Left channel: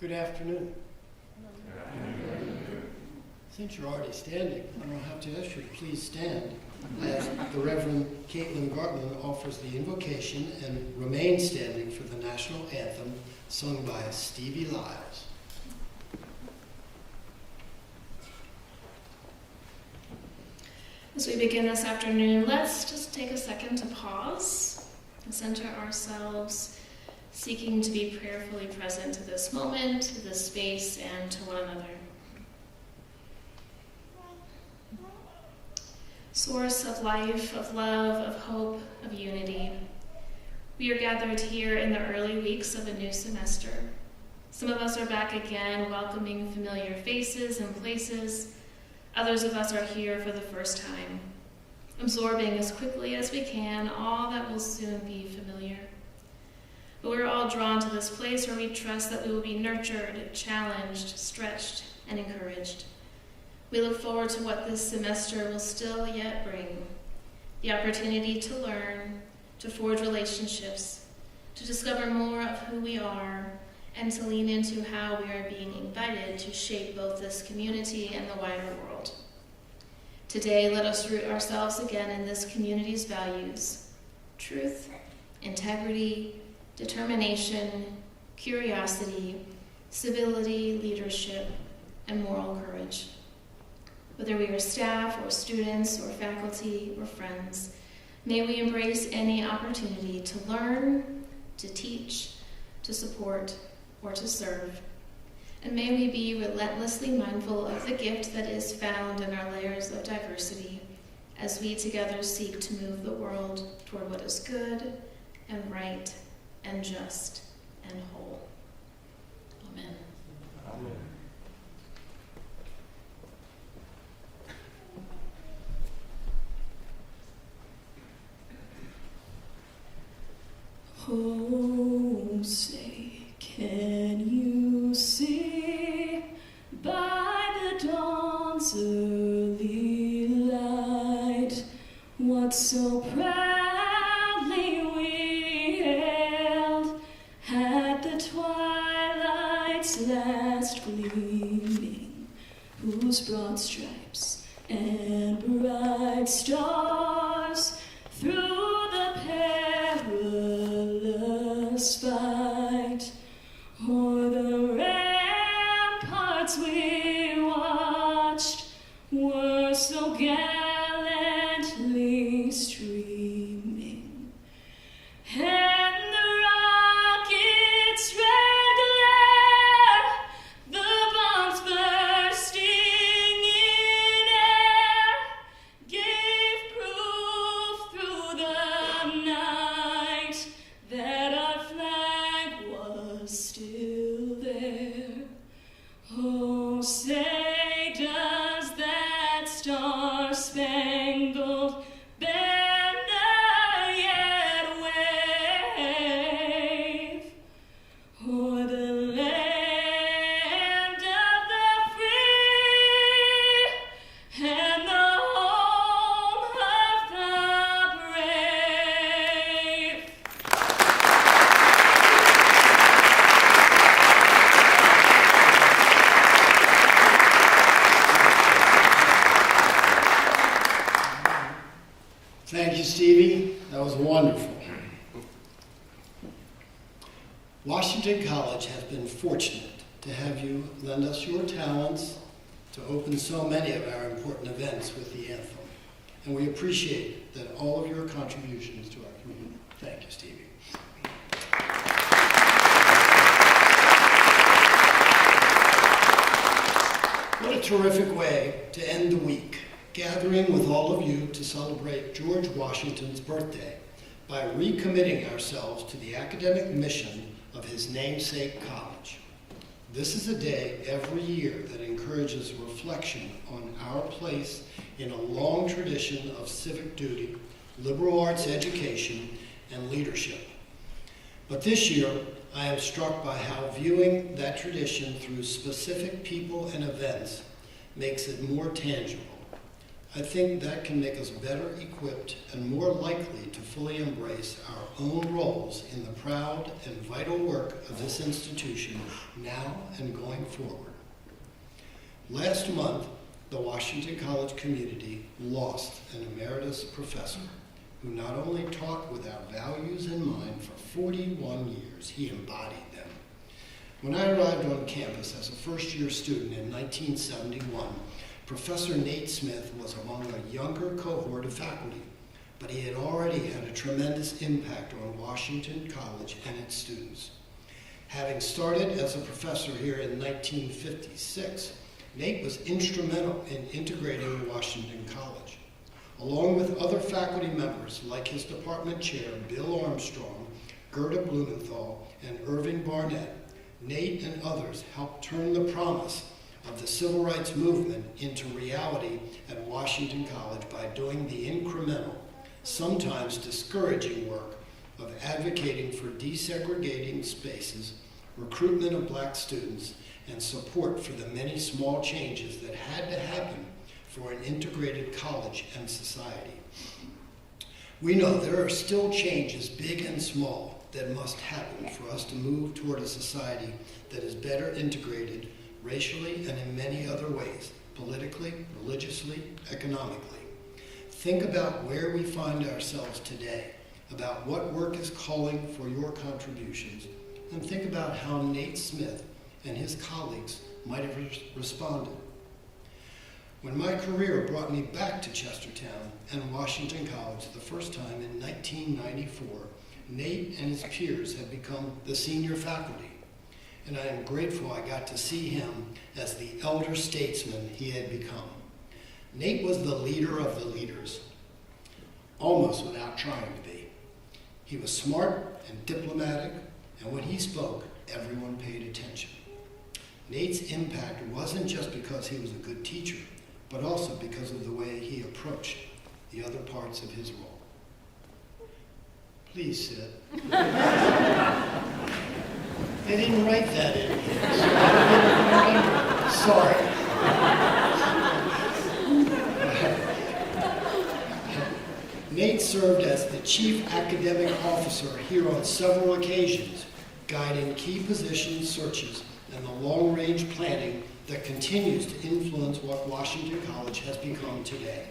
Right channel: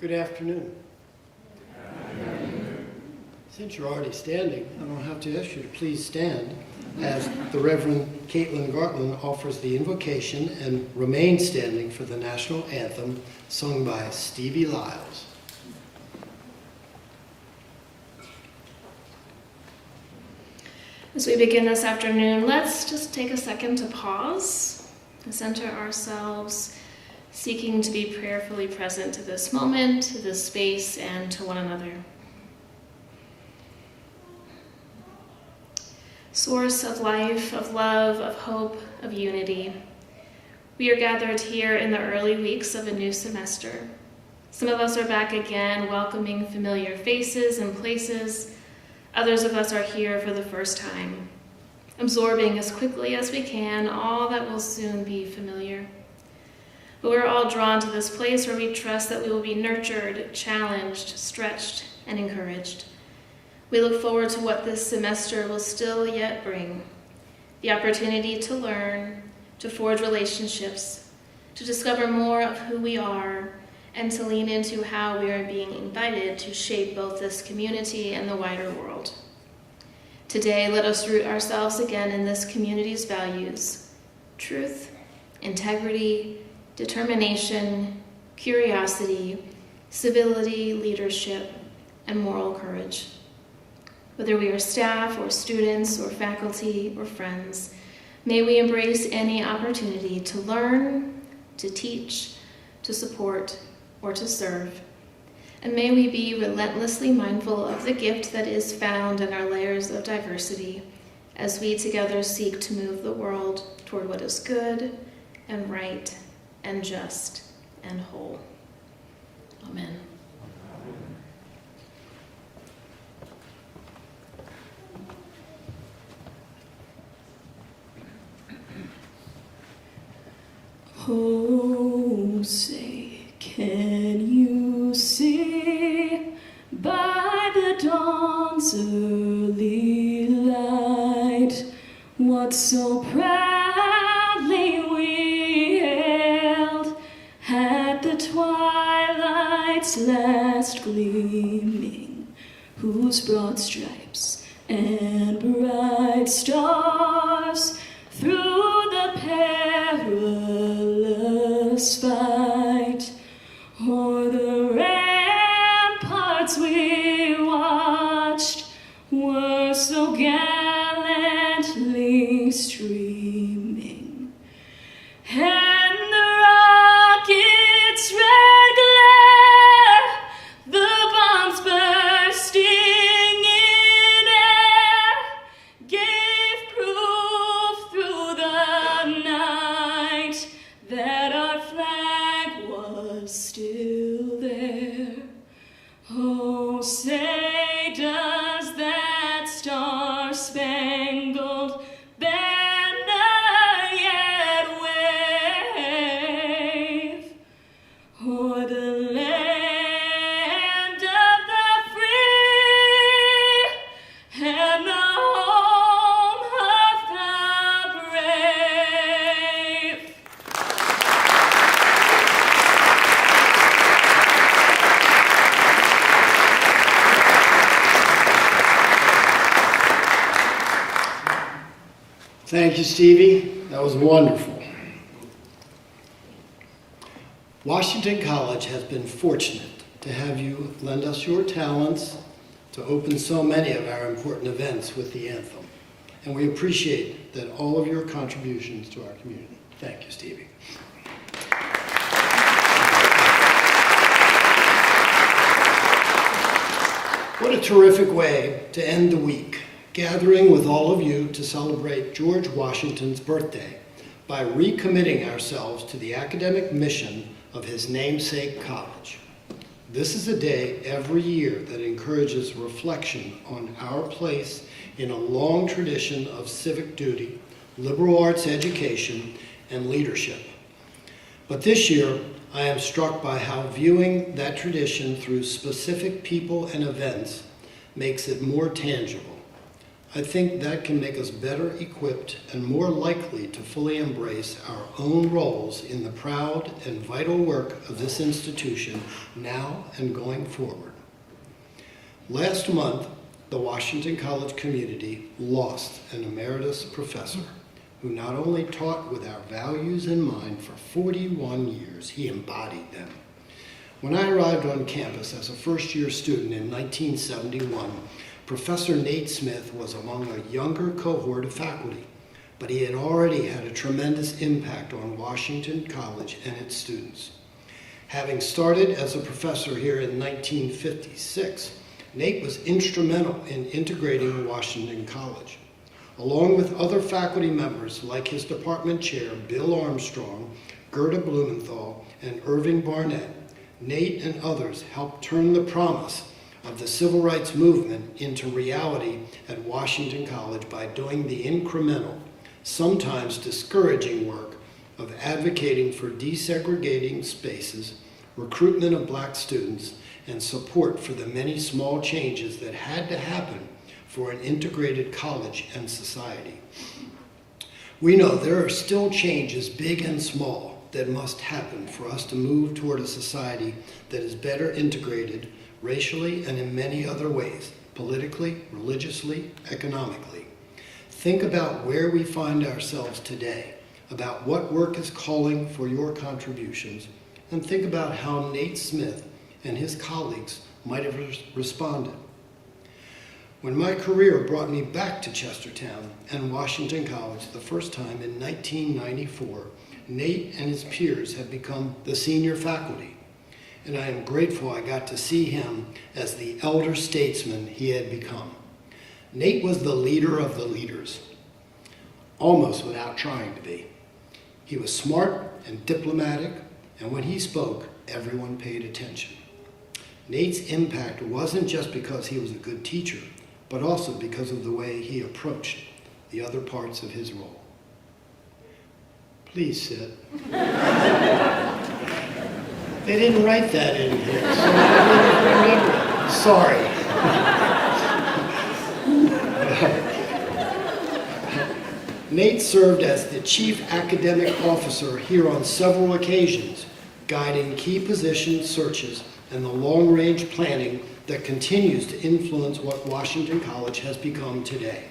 Good afternoon. Since you're already standing, I don't have to ask you to please stand as the Reverend Caitlin Gartland offers the invocation and remain standing for the national anthem sung by Stevie Lyles. As we begin this afternoon, let's just take a second to pause and center ourselves, seeking to be prayerfully present to this moment, to this space, and to one another. Source of life, of love, of hope, of unity. We are gathered here in the early weeks of a new semester. Some of us are back again, welcoming familiar faces and places. Others of us are here for the first time, absorbing as quickly as we can all that will soon be familiar. But we're all drawn to this place where we trust that we will be nurtured, challenged, stretched, and encouraged. We look forward to what this semester will still yet bring. The opportunity to learn, to forge relationships, to discover more of who we are, and to lean into how we are being invited to shape both this community and the wider world. Today, let us root ourselves again in this community's values: truth, integrity, determination, curiosity, civility, leadership, and moral courage. Whether we are staff or students or faculty or friends, may we embrace any opportunity to learn, to teach, to support, or to serve. And may we be relentlessly mindful of the gift that is found in our layers of diversity as we together seek to move the world toward what is good and right and just and whole. Amen. Oh, say, can you see by the dawn's early light what so proudly we hailed at the twilight's last gleaming, whose broad stripes and bright stars through the perilous fight o'er the ramparts we watched were so gallantly streaming, and the rocket's red glare, the bombs bursting in air, gave proof through the night that our flag was still there. Oh, say, does that star-spangled banner yet wave o'er the land of the free and the home of the brave? Thank you, Stevie. That was wonderful. Washington College has been fortunate to have you lend us your talents to open so many of our important events with the anthem. And we appreciate that all of your contributions to our community. Thank you, Stevie. What a terrific way to end the week, gathering with all of you to celebrate George Washington's birthday by recommitting ourselves to the academic mission of his namesake college. This is a day every year that encourages reflection on our place in a long tradition of civic duty, liberal arts education, and leadership. But this year, I am struck by how viewing that tradition through specific people and events makes it more tangible. I think that can make us better equipped and more likely to fully embrace our own roles in the proud and vital work of this institution now and going forward. Last month, the Washington College community lost an emeritus professor who not only taught with our values in mind for 41 years, he embodied them. When I arrived on campus as a first-year student in 1971, Professor Nate Smith was among a younger cohort of faculty, but he had already had a tremendous impact on Washington College and its students. Having started as a professor here in 1956, Nate was instrumental in integrating Washington College. Along with other faculty members like his department chair, Bill Armstrong, Gerda Blumenthal, and Irving Barnett, Nate and others helped turn the promise of the civil rights movement into reality at Washington College by doing the incremental, sometimes discouraging work of advocating for desegregating spaces, recruitment of black students, and support for the many small changes that had to happen for an integrated college and society. We know there are still changes, big and small, that must happen for us to move toward a society that is better integrated racially and in many other ways, politically, religiously, economically. Think about where we find ourselves today, about what work is calling for your contributions, and think about how Nate Smith and his colleagues might have responded. When my career brought me back to Chestertown and Washington College the first time in 1994, Nate and his peers had become the senior faculty, and I am grateful I got to see him as the elder statesman he had become. Nate was the leader of the leaders, almost without trying to be. He was smart and diplomatic, and when he spoke, everyone paid attention. Nate's impact wasn't just because he was a good teacher, but also because of the way he approached the other parts of his role. Please sit. They didn't write that in here, so I didn't remember it. Sorry. Nate served as the chief academic officer here on several occasions, guiding key position searches and the long-range planning that continues to influence what Washington College has become today.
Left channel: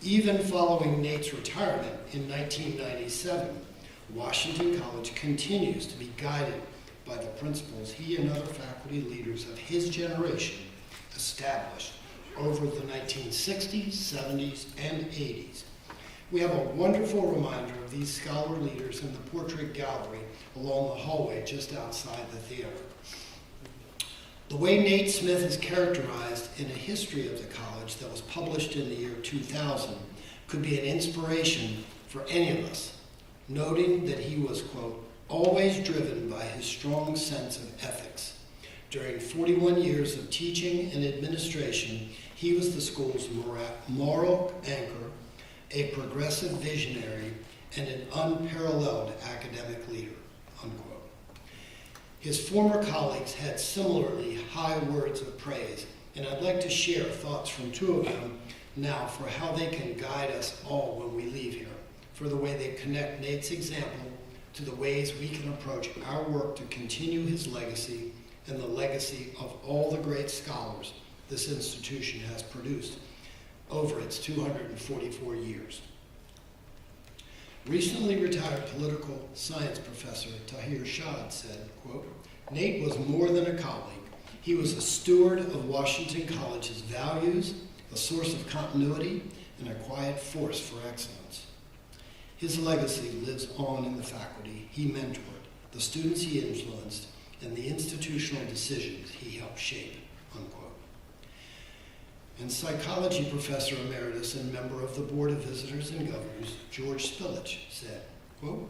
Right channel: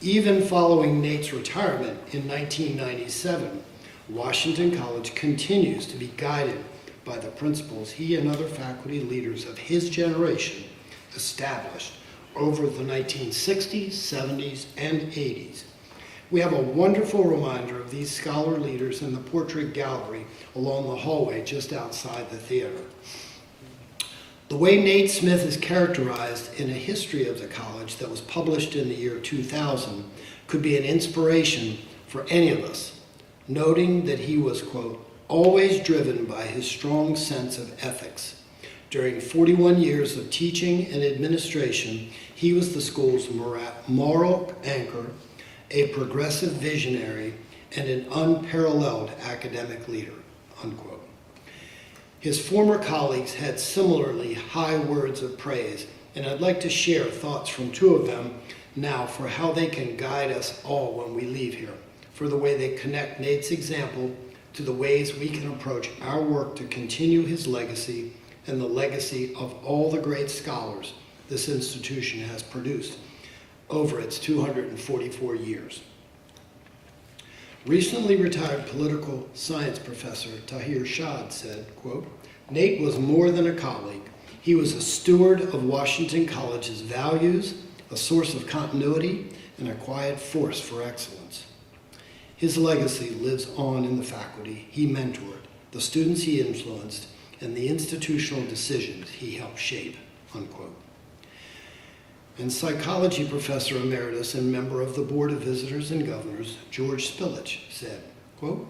Even following Nate's retirement in 1997, Washington College continues to be guided by the principles he and other faculty leaders of his generation established over the 1960s, 70s, and 80s. We have a wonderful reminder of these scholar leaders in the portrait gallery along the hallway just outside the theater. The way Nate Smith is characterized in a history of the college that was published in the year 2000 could be an inspiration for any of us, noting that he was, quote, always driven by his strong sense of ethics. During 41 years of teaching and administration, he was the school's moral anchor, a progressive visionary, and an unparalleled academic leader, unquote. His former colleagues had similarly high words of praise, and I'd like to share thoughts from two of them now for how they can guide us all when we leave here, for the way they connect Nate's example to the ways we can approach our work to continue his legacy and the legacy of all the great scholars this institution has produced over its 244 years. Recently retired political science professor Tahir Shad said, quote, Nate was more than a colleague. He was a steward of Washington College's values, a source of continuity, and a quiet force for excellence. His legacy lives on in the faculty he mentored, the students he influenced, and the institutional decisions he helped shape, unquote. And psychology professor emeritus and member of the Board of Visitors and Governors, George Spillage, said, quote,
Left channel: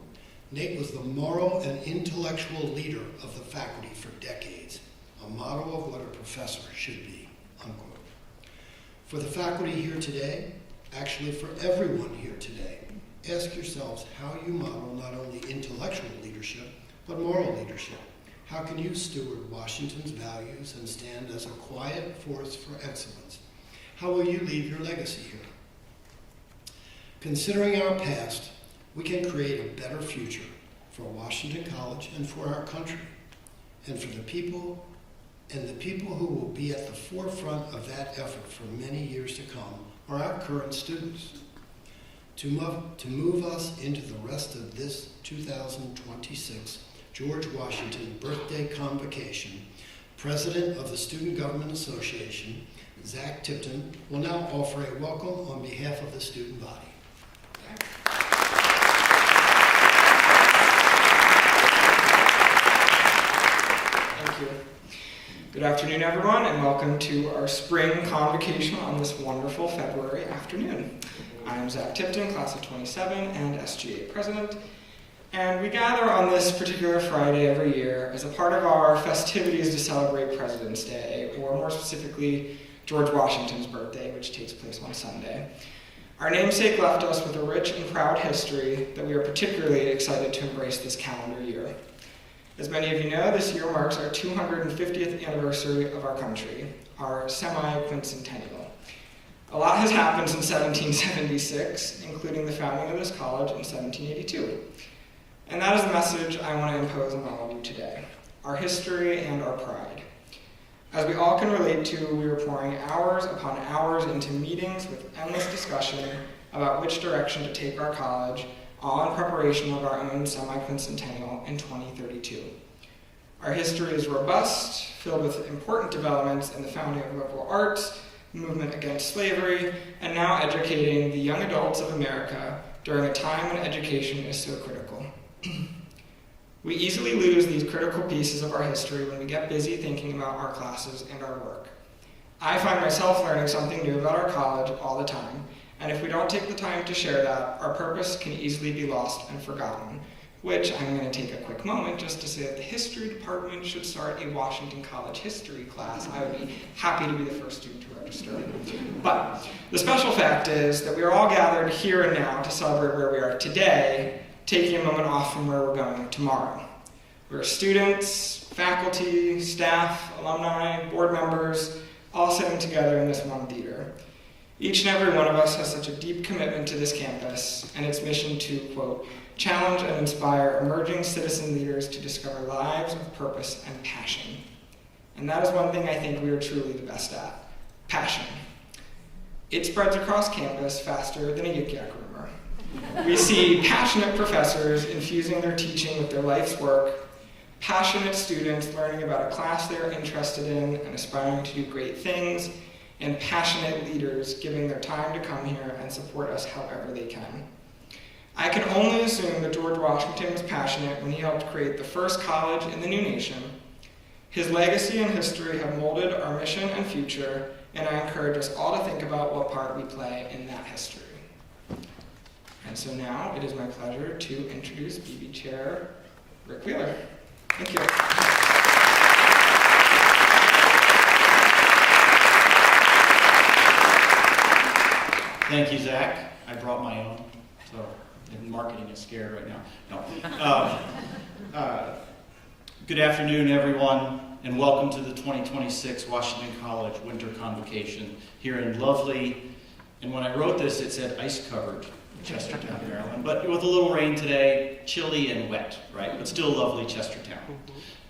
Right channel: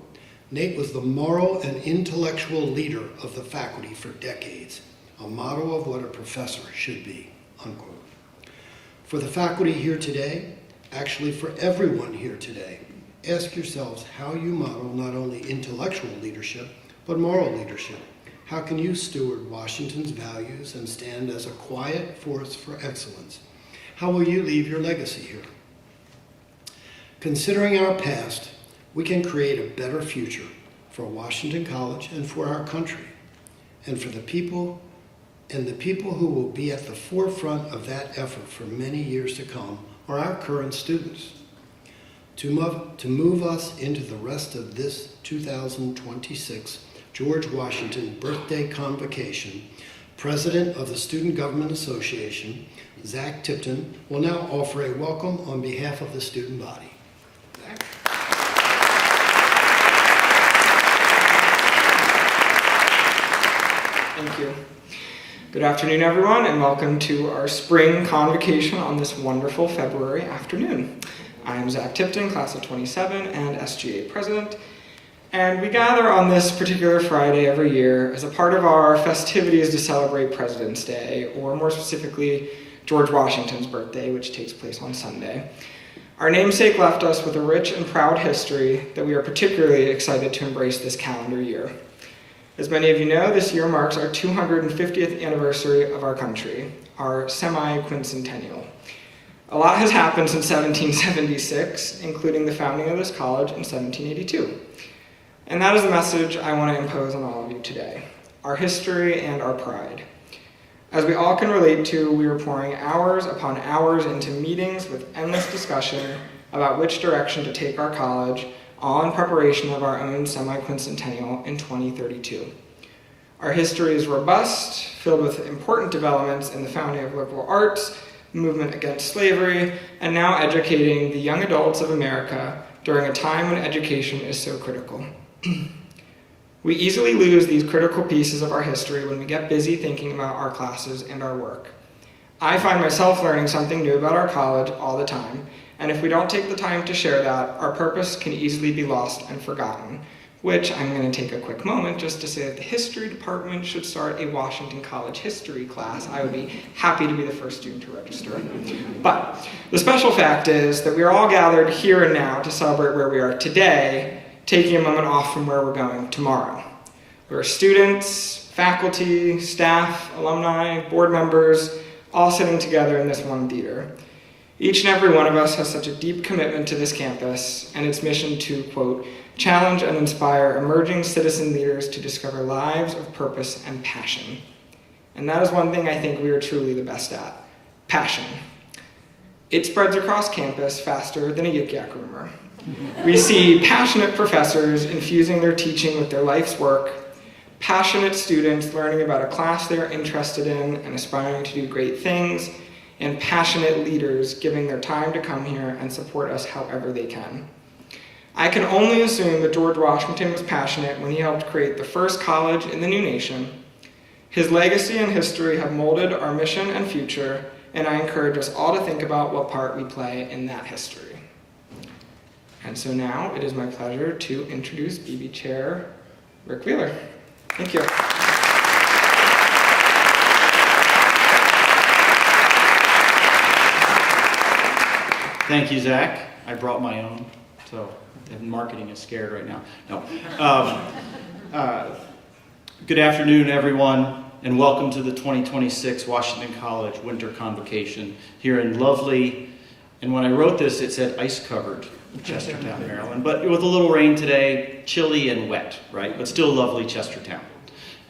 Nate was the moral and intellectual leader of the faculty for decades, a model of what a professor should be, unquote. For the faculty here today, actually for everyone here today, ask yourselves how you model not only intellectual leadership, but moral leadership. How can you steward Washington's values and stand as a quiet force for excellence? How will you leave your legacy here? Considering our past, we can create a better future for Washington College and for our country, and for the people who will be at the forefront of that effort for many years to come are our current students. To move us into the rest of this 2026 George Washington Birthday Convocation, President of the Student Government Association, Zach Tipton, will now offer a welcome on behalf of the student body. Zach? Thank you. Good afternoon, everyone, and welcome to our spring convocation on this wonderful February afternoon. I am Zach Tipton, class of 27 and SGA president, and we gather on this particular Friday every year as a part of our festivities to celebrate President's Day, or more specifically, George Washington's birthday, which takes place on Sunday. Our namesake left us with a rich and proud history that we are particularly excited to embrace this calendar year. As many of you know, this year marks our 250th anniversary of our country, our semi-quincentennial. A lot has happened since 1776, including the founding of this college in 1782. And that is the message I want to impose on all of you today, our history and our pride. As we all can relate to, we are pouring hours upon hours into meetings with endless discussion about which direction to take our college, all in preparation of our own semi-quincentennial in 2032. Our history is robust, filled with important developments in the founding of liberal arts, movement against slavery, and now educating the young adults of America during a time when education is so critical. We easily lose these critical pieces of our history when we get busy thinking about our classes and our work. I find myself learning something new about our college all the time, and if we don't take the time to share that, our purpose can easily be lost and forgotten, which I'm going to take a quick moment just to say that the history department should start a Washington College history class. I would be happy to be the first student to register. But the special fact is that we are all gathered here and now to celebrate where we are today, taking a moment off from where we're going tomorrow. There are students, faculty, staff, alumni, board members, all sitting together in this one theater. Each and every one of us has such a deep commitment to this campus and its mission to, quote, challenge and inspire emerging citizen leaders to discover lives of purpose and passion. And that is one thing I think we are truly the best at, passion. It spreads across campus faster than a yik-yak rumor. We see passionate professors infusing their teaching with their life's work, passionate students learning about a class they are interested in and aspiring to do great things, and passionate leaders giving their time to come here and support us however they can. I can only assume that George Washington was passionate when he helped create the first college in the new nation. His legacy and history have molded our mission and future, and I encourage us all to think about what part we play in that history. And so now it is my pleasure to introduce BB Chair Rick Wheeler. Thank you. Thank you, Zach. I brought my own, so marketing is scared right now. No. Good afternoon, everyone, and welcome to the 2026 Washington College Winter Convocation here in lovely, and when I wrote this, it said ice-covered Chestertown, Maryland, but with a little rain today, chilly and wet, right? But still lovely Chestertown.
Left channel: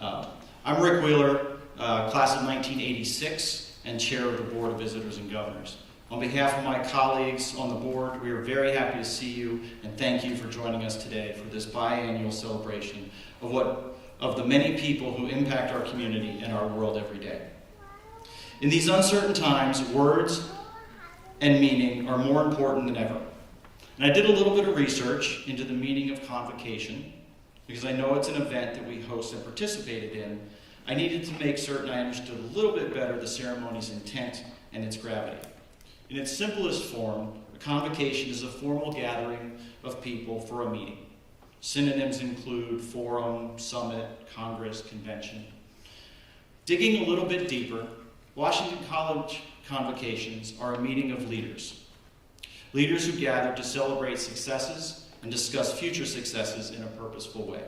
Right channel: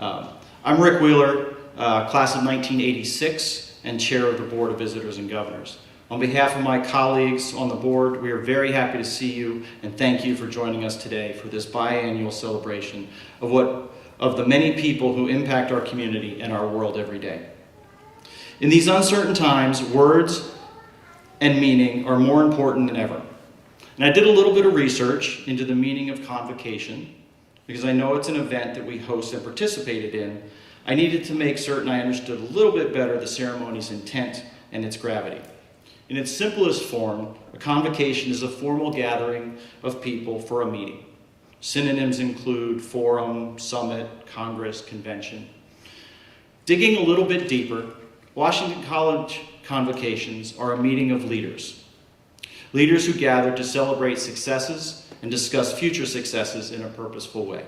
I'm Rick Wheeler, class of 1986, and chair of the Board of Visitors and Governors. On behalf of my colleagues on the board, we are very happy to see you and thank you for joining us today for this biannual celebration of the many people who impact our community and our world every day. In these uncertain times, words and meaning are more important than ever. And I did a little bit of research into the meaning of convocation because I know it's an event that we host and participated in. I needed to make certain I understood a little bit better the ceremony's intent and its gravity. In its simplest form, a convocation is a formal gathering of people for a meeting. Synonyms include forum, summit, congress, convention. Digging a little bit deeper, Washington College convocations are a meeting of leaders. Leaders who gather to celebrate successes and discuss future successes in a purposeful way.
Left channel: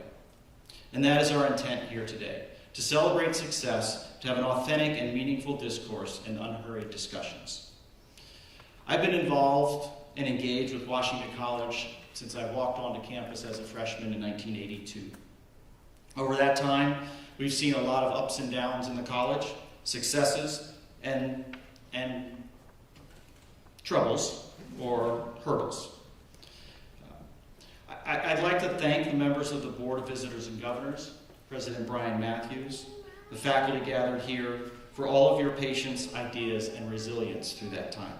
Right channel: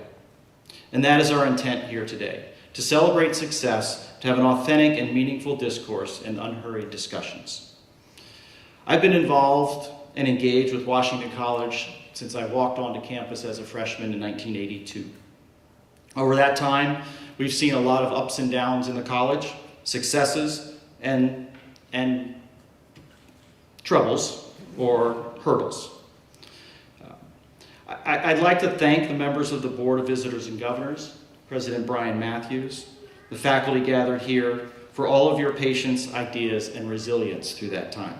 And that is our intent here today, to celebrate success, to have an authentic and meaningful discourse and unhurried discussions. I've been involved and engaged with Washington College since I walked onto campus as a freshman in 1982. Over that time, we've seen a lot of ups and downs in the college, successes and troubles or hurdles. I'd like to thank the members of the Board of Visitors and Governors, President Brian Matthews, the faculty gathered here, for all of your patience, ideas, and resilience through that time.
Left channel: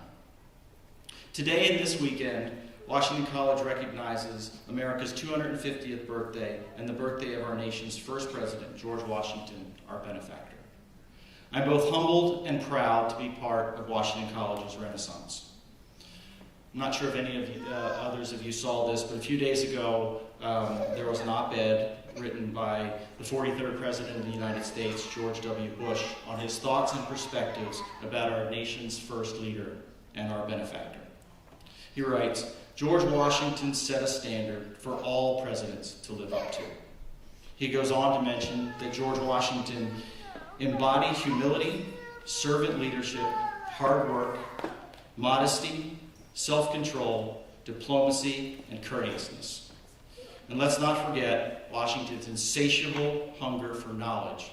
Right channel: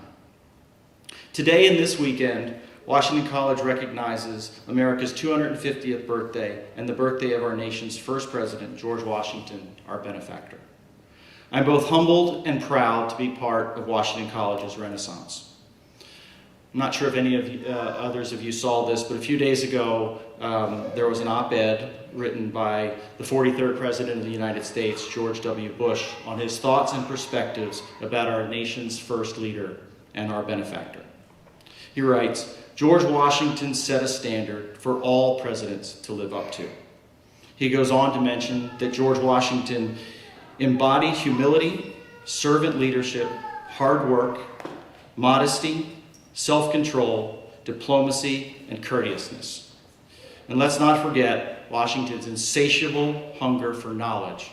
Today and this weekend, Washington College recognizes America's 250th birthday and the birthday of our nation's first president, George Washington, our benefactor. I'm both humbled and proud to be part of Washington College's Renaissance. I'm not sure if any of others of you saw this, but a few days ago, there was an op-ed written by the 43rd President of the United States, George W. Bush, on his thoughts and perspectives about our nation's first leader and our benefactor. He writes, "George Washington set a standard for all presidents to live up to." He goes on to mention that George Washington embodied humility, servant leadership, hard work, modesty, self-control, diplomacy, and courteousness. And let's not forget Washington's insatiable hunger for knowledge,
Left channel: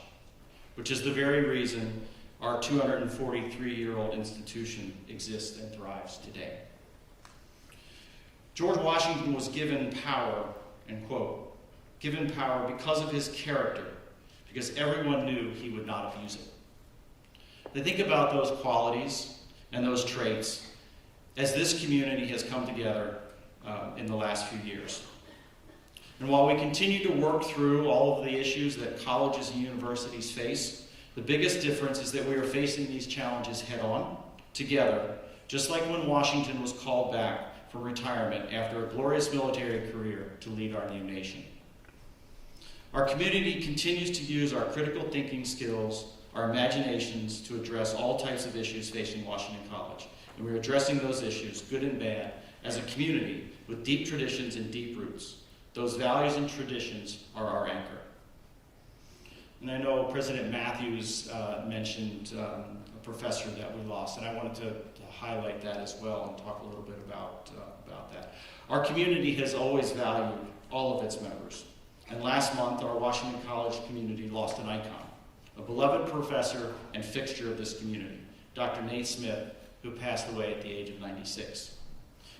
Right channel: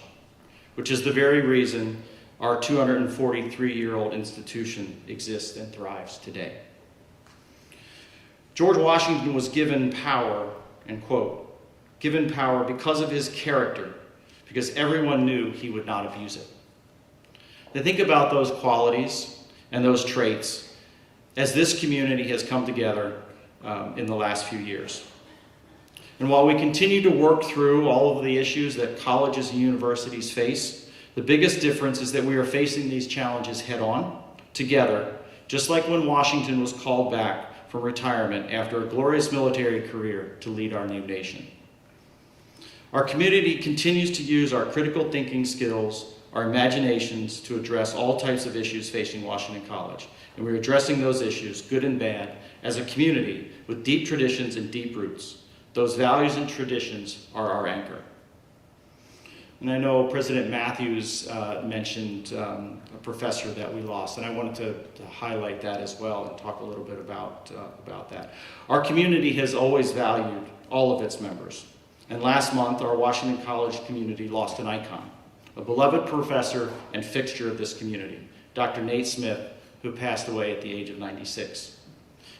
which is the very reason our 243-year-old institution exists and thrives today. George Washington was given power, and quote, given power because of his character, because everyone knew he would not abuse it. Now think about those qualities and those traits as this community has come together in the last few years. And while we continue to work through all of the issues that colleges and universities face, the biggest difference is that we are facing these challenges head on, together, just like when Washington was called back from retirement after a glorious military career to lead our new nation. Our community continues to use our critical thinking skills, our imaginations, to address all types of issues facing Washington College. And we're addressing those issues, good and bad, as a community with deep traditions and deep roots. Those values and traditions are our anchor. And I know President Matthews mentioned a professor that we lost, and I wanted to highlight that as well and talk a little bit about that. Our community has always valued all of its members. And last month, our Washington College community lost an icon, a beloved professor and fixture of this community, Dr. Nate Smith, who passed away at the age of 96.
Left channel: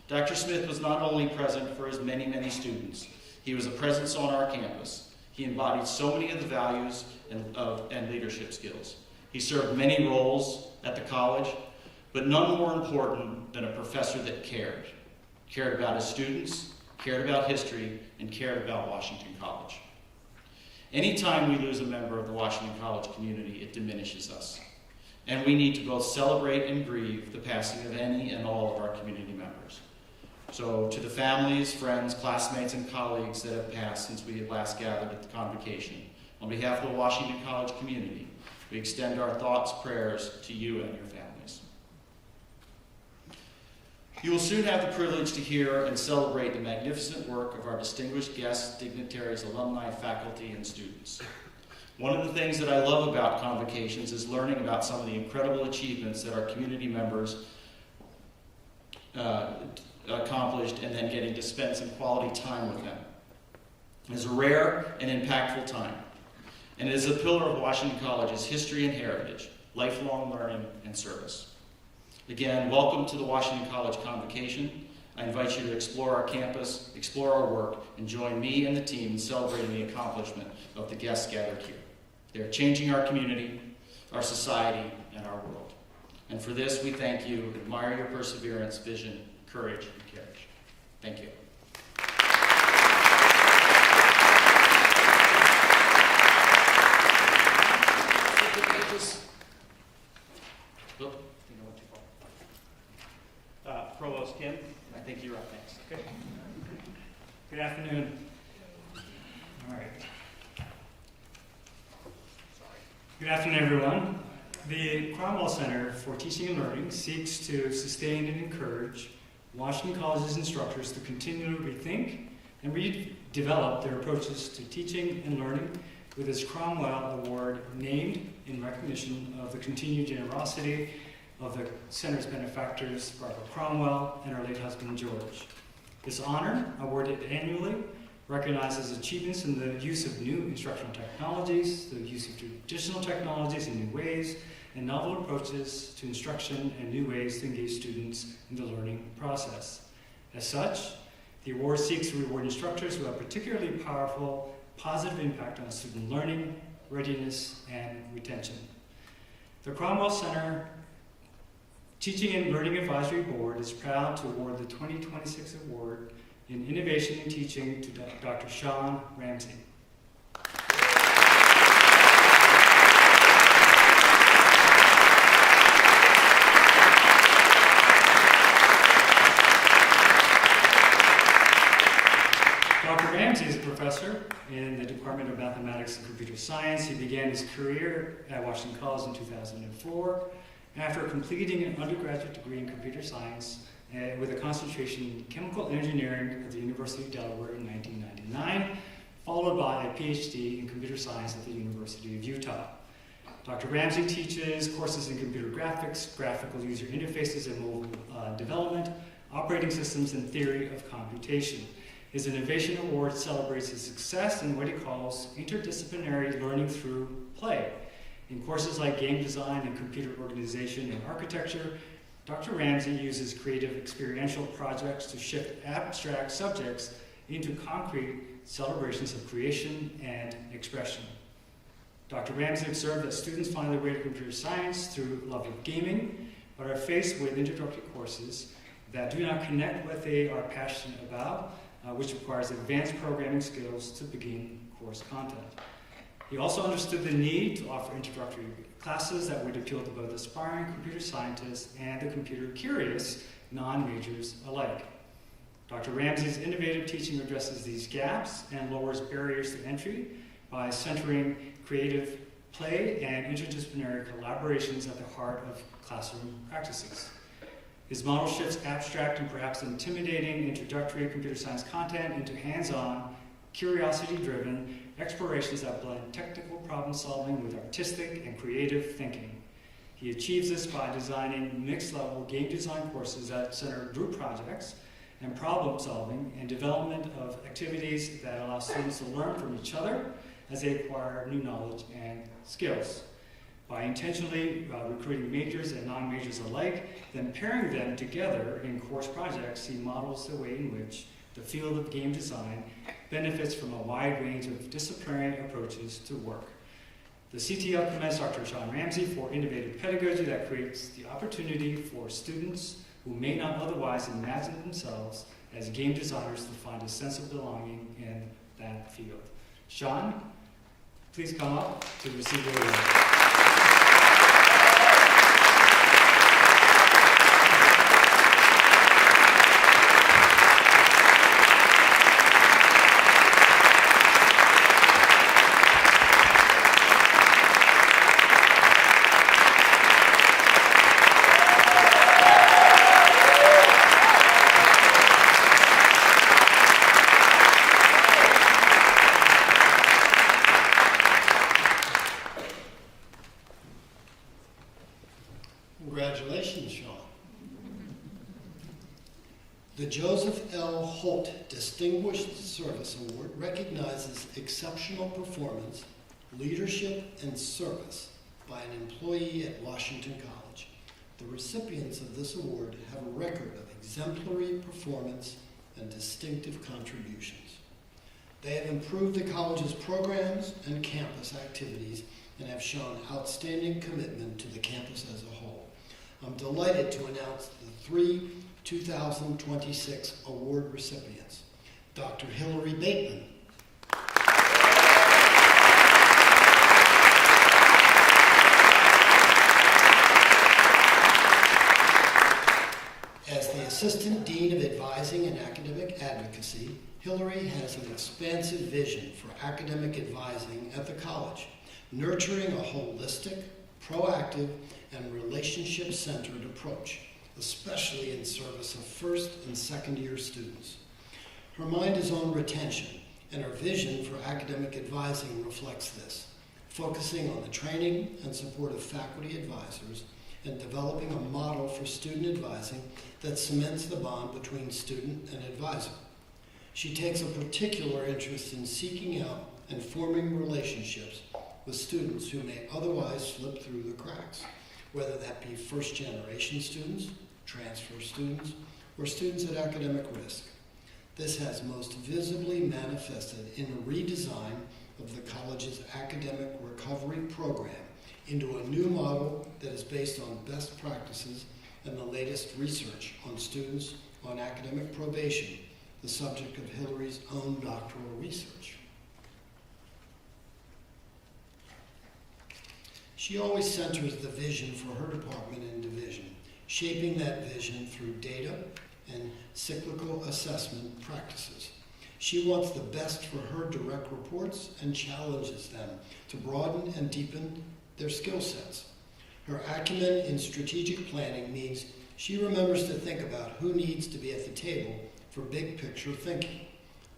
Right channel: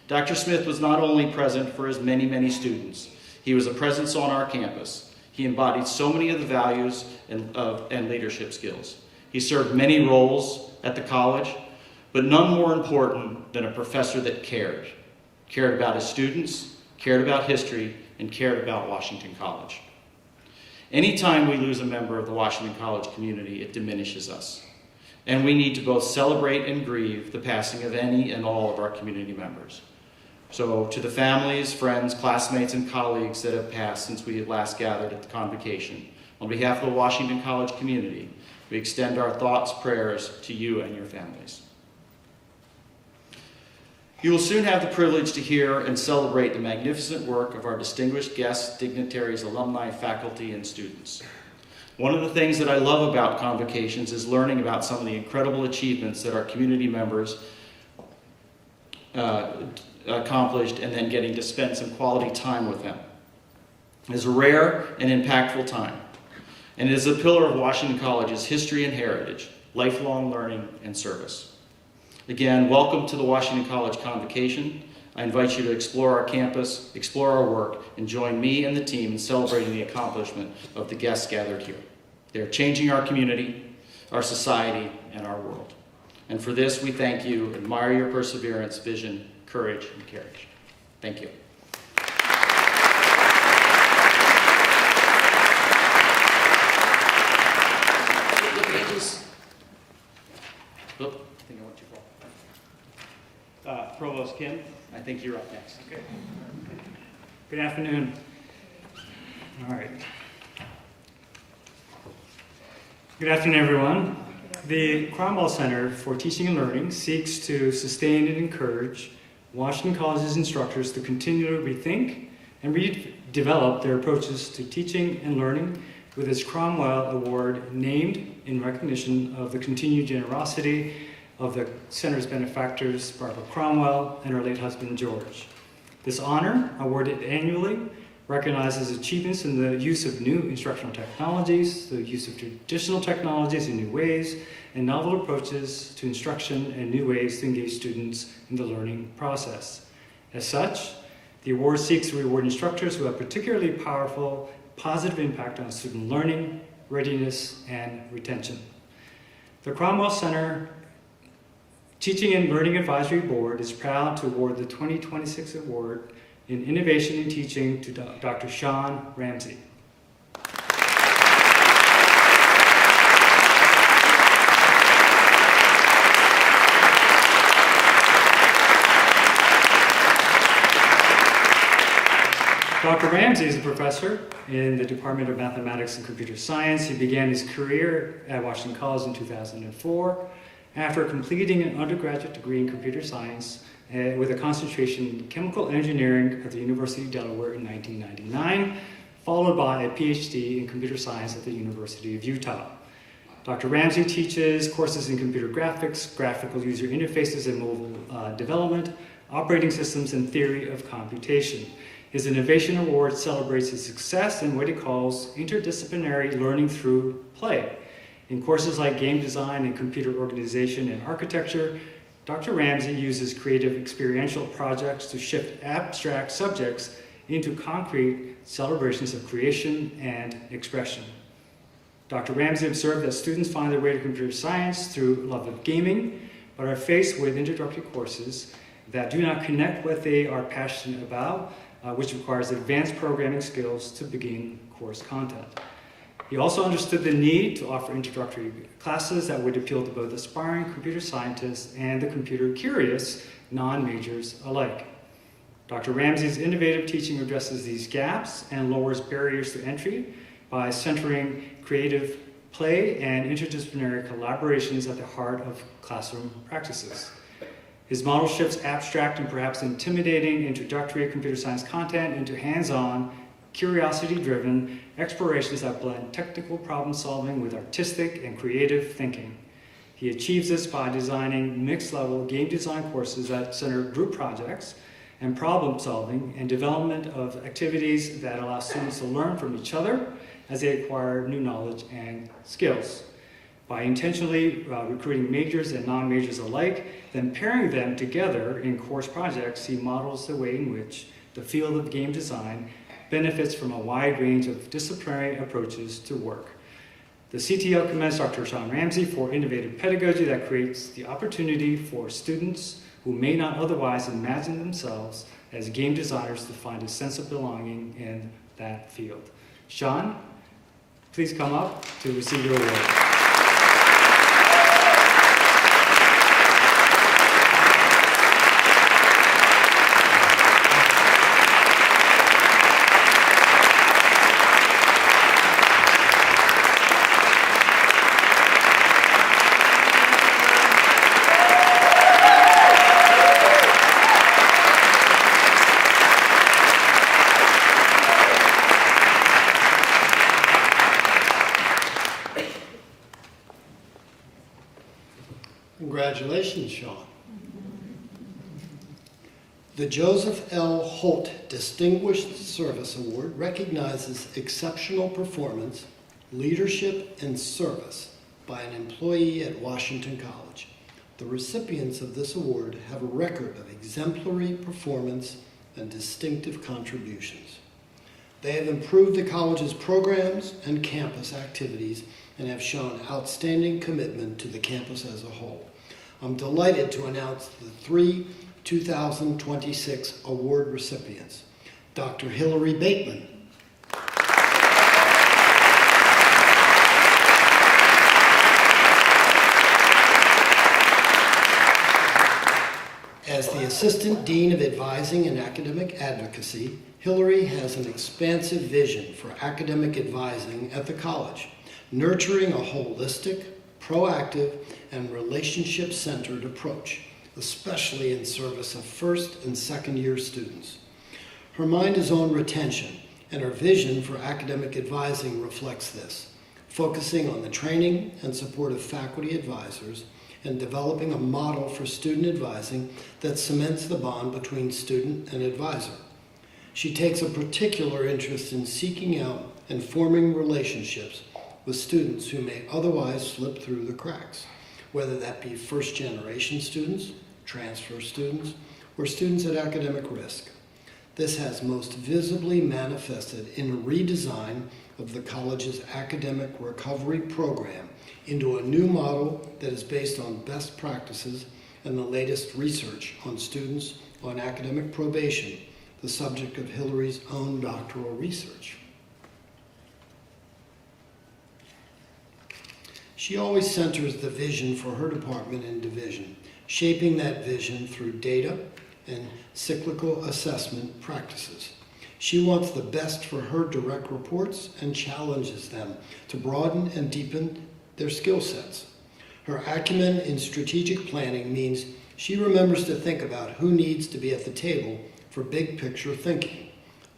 Dr. Smith was not only present for his many, many students, he was a presence on our campus. He embodied so many of the values and leadership skills. He served many roles at the college, but none more important than a professor that cared about his students, cared about history, and cared about Washington College. Anytime we lose a member of the Washington College community, it diminishes us. And we need to both celebrate and grieve the passing of any and all of our community members. So to the families, friends, classmates, and colleagues that have passed since we had last gathered at the Convocation, on behalf of the Washington College community, we extend our thoughts, prayers to you and your families. You will soon have the privilege to hear and celebrate the magnificent work of our distinguished guests, dignitaries, alumni, faculty, and students. One of the things that I love about Convocations is learning about some of the incredible achievements that our community members accomplished and then getting to spend some quality time with them. It is a rare and impactful time, and it is a pillar of Washington College's history and heritage, lifelong learning and service. Again, welcome to the Washington College Convocation. I invite you to explore our campus, explore our work, and join me and the team in celebrating the accomplishment of the guests gathered here. They are changing our community, our society, and our world. And for this, we thank you, admire your perseverance, vision, courage, and courage. Thank you. I think I went too far. Provost Kim, I think you're up next. Okay. Good afternoon. All right. Good afternoon, everyone. The Cromwell Center for Teaching and Learning seeks to sustain and encourage Washington College's instructors to continually rethink and redevelop their approaches to teaching and learning with its Cromwell Award named in recognition of the continued generosity of the center's benefactors, Barbara Cromwell and her late husband, George. This honor, awarded annually, recognizes achievements in the use of new instructional technologies, the use of traditional technologies in new ways, and novel approaches to instruction and new ways to engage students in the learning process. As such, the award seeks to reward instructors who have particularly powerful, positive impact on student learning, readiness, and retention. The Cromwell Center Teaching and Learning Advisory Board is proud to award the 2026 award in Innovation in Teaching to Dr. Sean Ramsey. Dr. Ramsey is a professor in the Department of Mathematics and Computer Science. He began his career at Washington College in 2004 after completing an undergraduate degree in computer science with a concentration in chemical engineering at the University of Delaware in 1999, followed by a PhD in computer science at the University of Utah. Dr. Ramsey teaches courses in computer graphics, graphical user interfaces and mobile development, operating systems, and theory of computation. His Innovation Award celebrates his success in what he calls interdisciplinary learning through play. In courses like game design and computer organization and architecture, Dr. Ramsey uses creative experiential projects to shift abstract subjects into concrete celebrations of creation and expression. Dr. Ramsey observed that students find their way to computer science through love of gaming, but are faced with introductory courses that do not connect what they are passionate about, which requires advanced programming skills to begin course content. He also understood the need to offer introductory classes that would appeal to both aspiring computer scientists and the computer-curious non-majors alike. Dr. Ramsey's innovative teaching addresses these gaps and lowers barriers to entry by centering creative play and interdisciplinary collaborations at the heart of classroom practices. His model shifts abstract and perhaps intimidating introductory computer science content into hands-on, curiosity-driven explorations that blend technical problem solving with artistic and creative thinking. He achieves this by designing mixed-level game design courses that center group projects and problem solving and development of activities that allow students to learn from each other as they acquire new knowledge and skills. By intentionally recruiting majors and non-majors alike, then pairing them together in course projects, he models the way in which the field of game design benefits from a wide range of disciplinary approaches to work. The CTL commends Dr. Sean Ramsey for innovative pedagogy that creates the opportunity for students who may not otherwise imagine themselves as game designers to find a sense of belonging in that field. Sean, please come up to receive your award. Congratulations, Sean. The Joseph L. Holt Distinguished Service Award recognizes exceptional performance, leadership, and service by an employee at Washington College. The recipients of this award have a record of exemplary performance and distinctive contributions. They have improved the college's programs and campus activities and have shown outstanding commitment to the campus as a whole. I'm delighted to announce the 3 2026 award recipients. Dr. Hillary Bateman. As the Assistant Dean of Advising and Academic Advocacy, Hillary has an expansive vision for academic advising at the college, nurturing a holistic, proactive, and relationship-centered approach, especially in service of first and second year students. Her mind is on retention, and her vision for academic advising reflects this, focusing on the training and support of faculty advisors and developing a model for student advising that cements the bond between student and advisor. She takes a particular interest in seeking out and forming relationships with students who may otherwise slip through the cracks, whether that be first-generation students, transfer students, or students at academic risk. This has most visibly manifested in a redesign of the college's academic recovery program into a new model that is based on best practices and the latest research on students on academic probation, the subject of Hillary's own doctoral research. She always centers the vision for her department and division, shaping that vision through data and cyclical assessment practices. She wants the best for her direct reports and challenges them to broaden and deepen their skill sets. Her acumen in strategic planning means she remembers to think about who needs to be at the table for big picture thinking,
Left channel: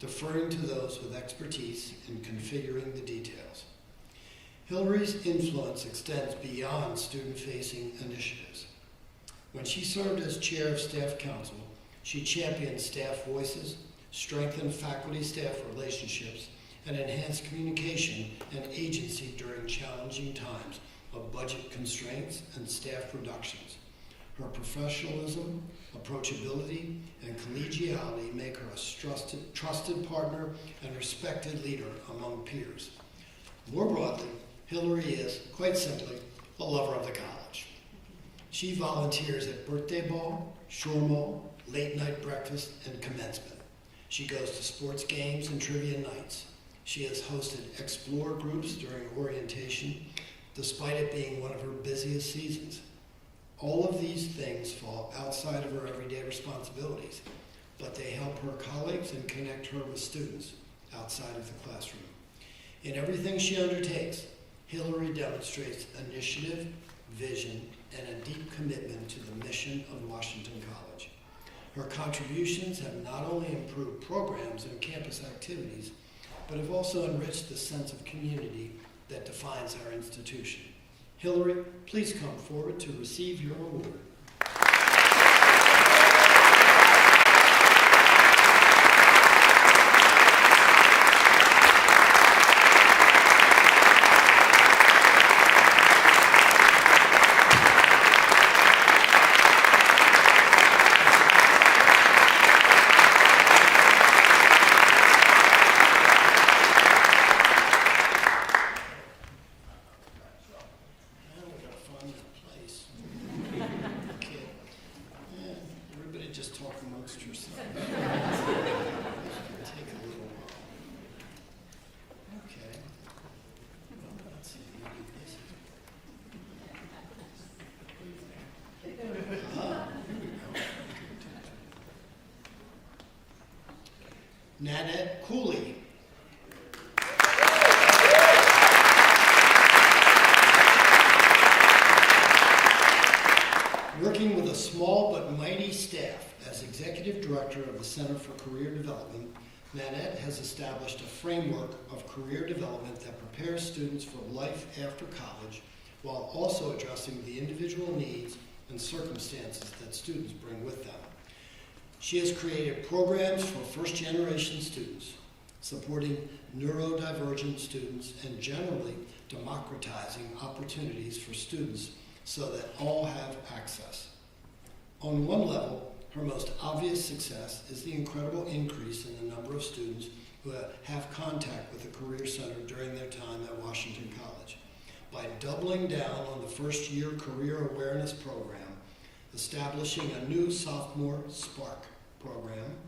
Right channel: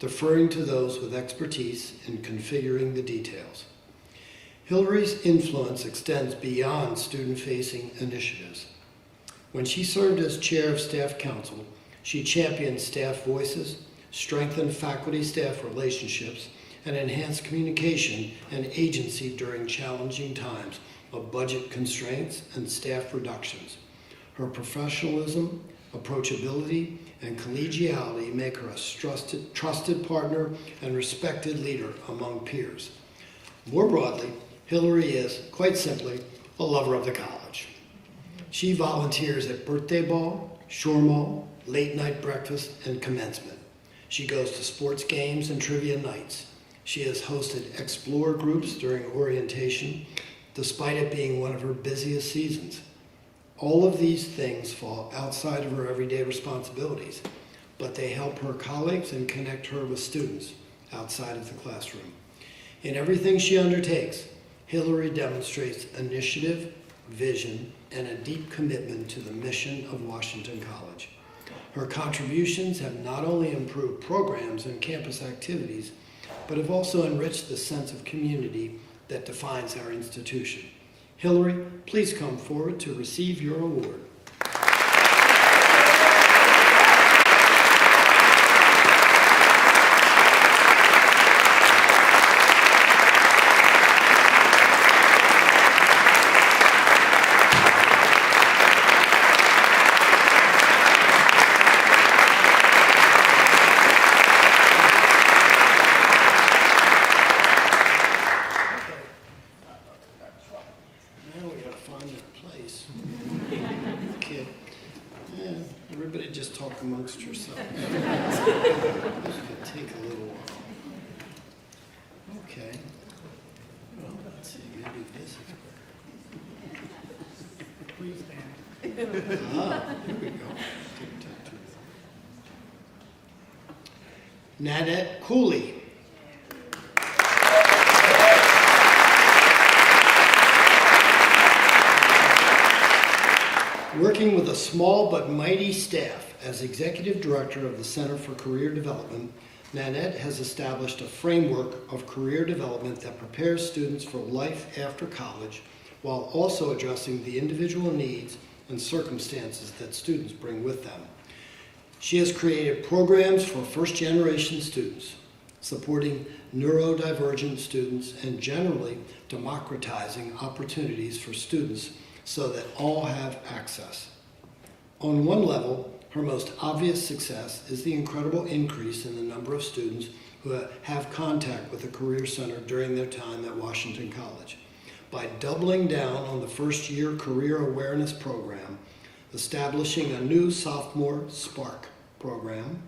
deferring to those with expertise in configuring the details. Hillary's influence extends beyond student-facing initiatives. When she served as chair of staff council, she championed staff voices, strengthened faculty-staff relationships, and enhanced communication and agency during challenging times of budget constraints and staff reductions. Her professionalism, approachability, and collegiality make her a trusted partner and respected leader among peers. More broadly, Hillary is, quite simply, a lover of the college. She volunteers at birthday ball, shore mall, late night breakfast, and commencement. She goes to sports games and trivia nights. She has hosted explore groups during orientation, despite it being one of her busiest seasons. All of these things fall outside of her everyday responsibilities, but they help her colleagues and connect her with students outside of the classroom. In everything she undertakes, Hillary demonstrates initiative, vision, and a deep commitment to the mission of Washington College. Her contributions have not only improved programs and campus activities, but have also enriched the sense of community that defines our institution. Hillary, please come forward to receive your award. Amongst yourselves. Take a little. Okay. Well, let's see. Maybe this is. Here we go. Nanette Cooley. Working with a small but mighty staff, as Executive Director of the Center for Career Development, Nanette has established a framework of career development that prepares students for life after college while also addressing the individual needs and circumstances that students bring with them. She has created programs for first-generation students, supporting neurodivergent students and generally democratizing opportunities for students so that all have access. On one level, her most obvious success is the incredible increase in the number of students who have contact with the Career Center during their time at Washington College. By doubling down on the first-year career awareness program, establishing a new sophomore Spark program,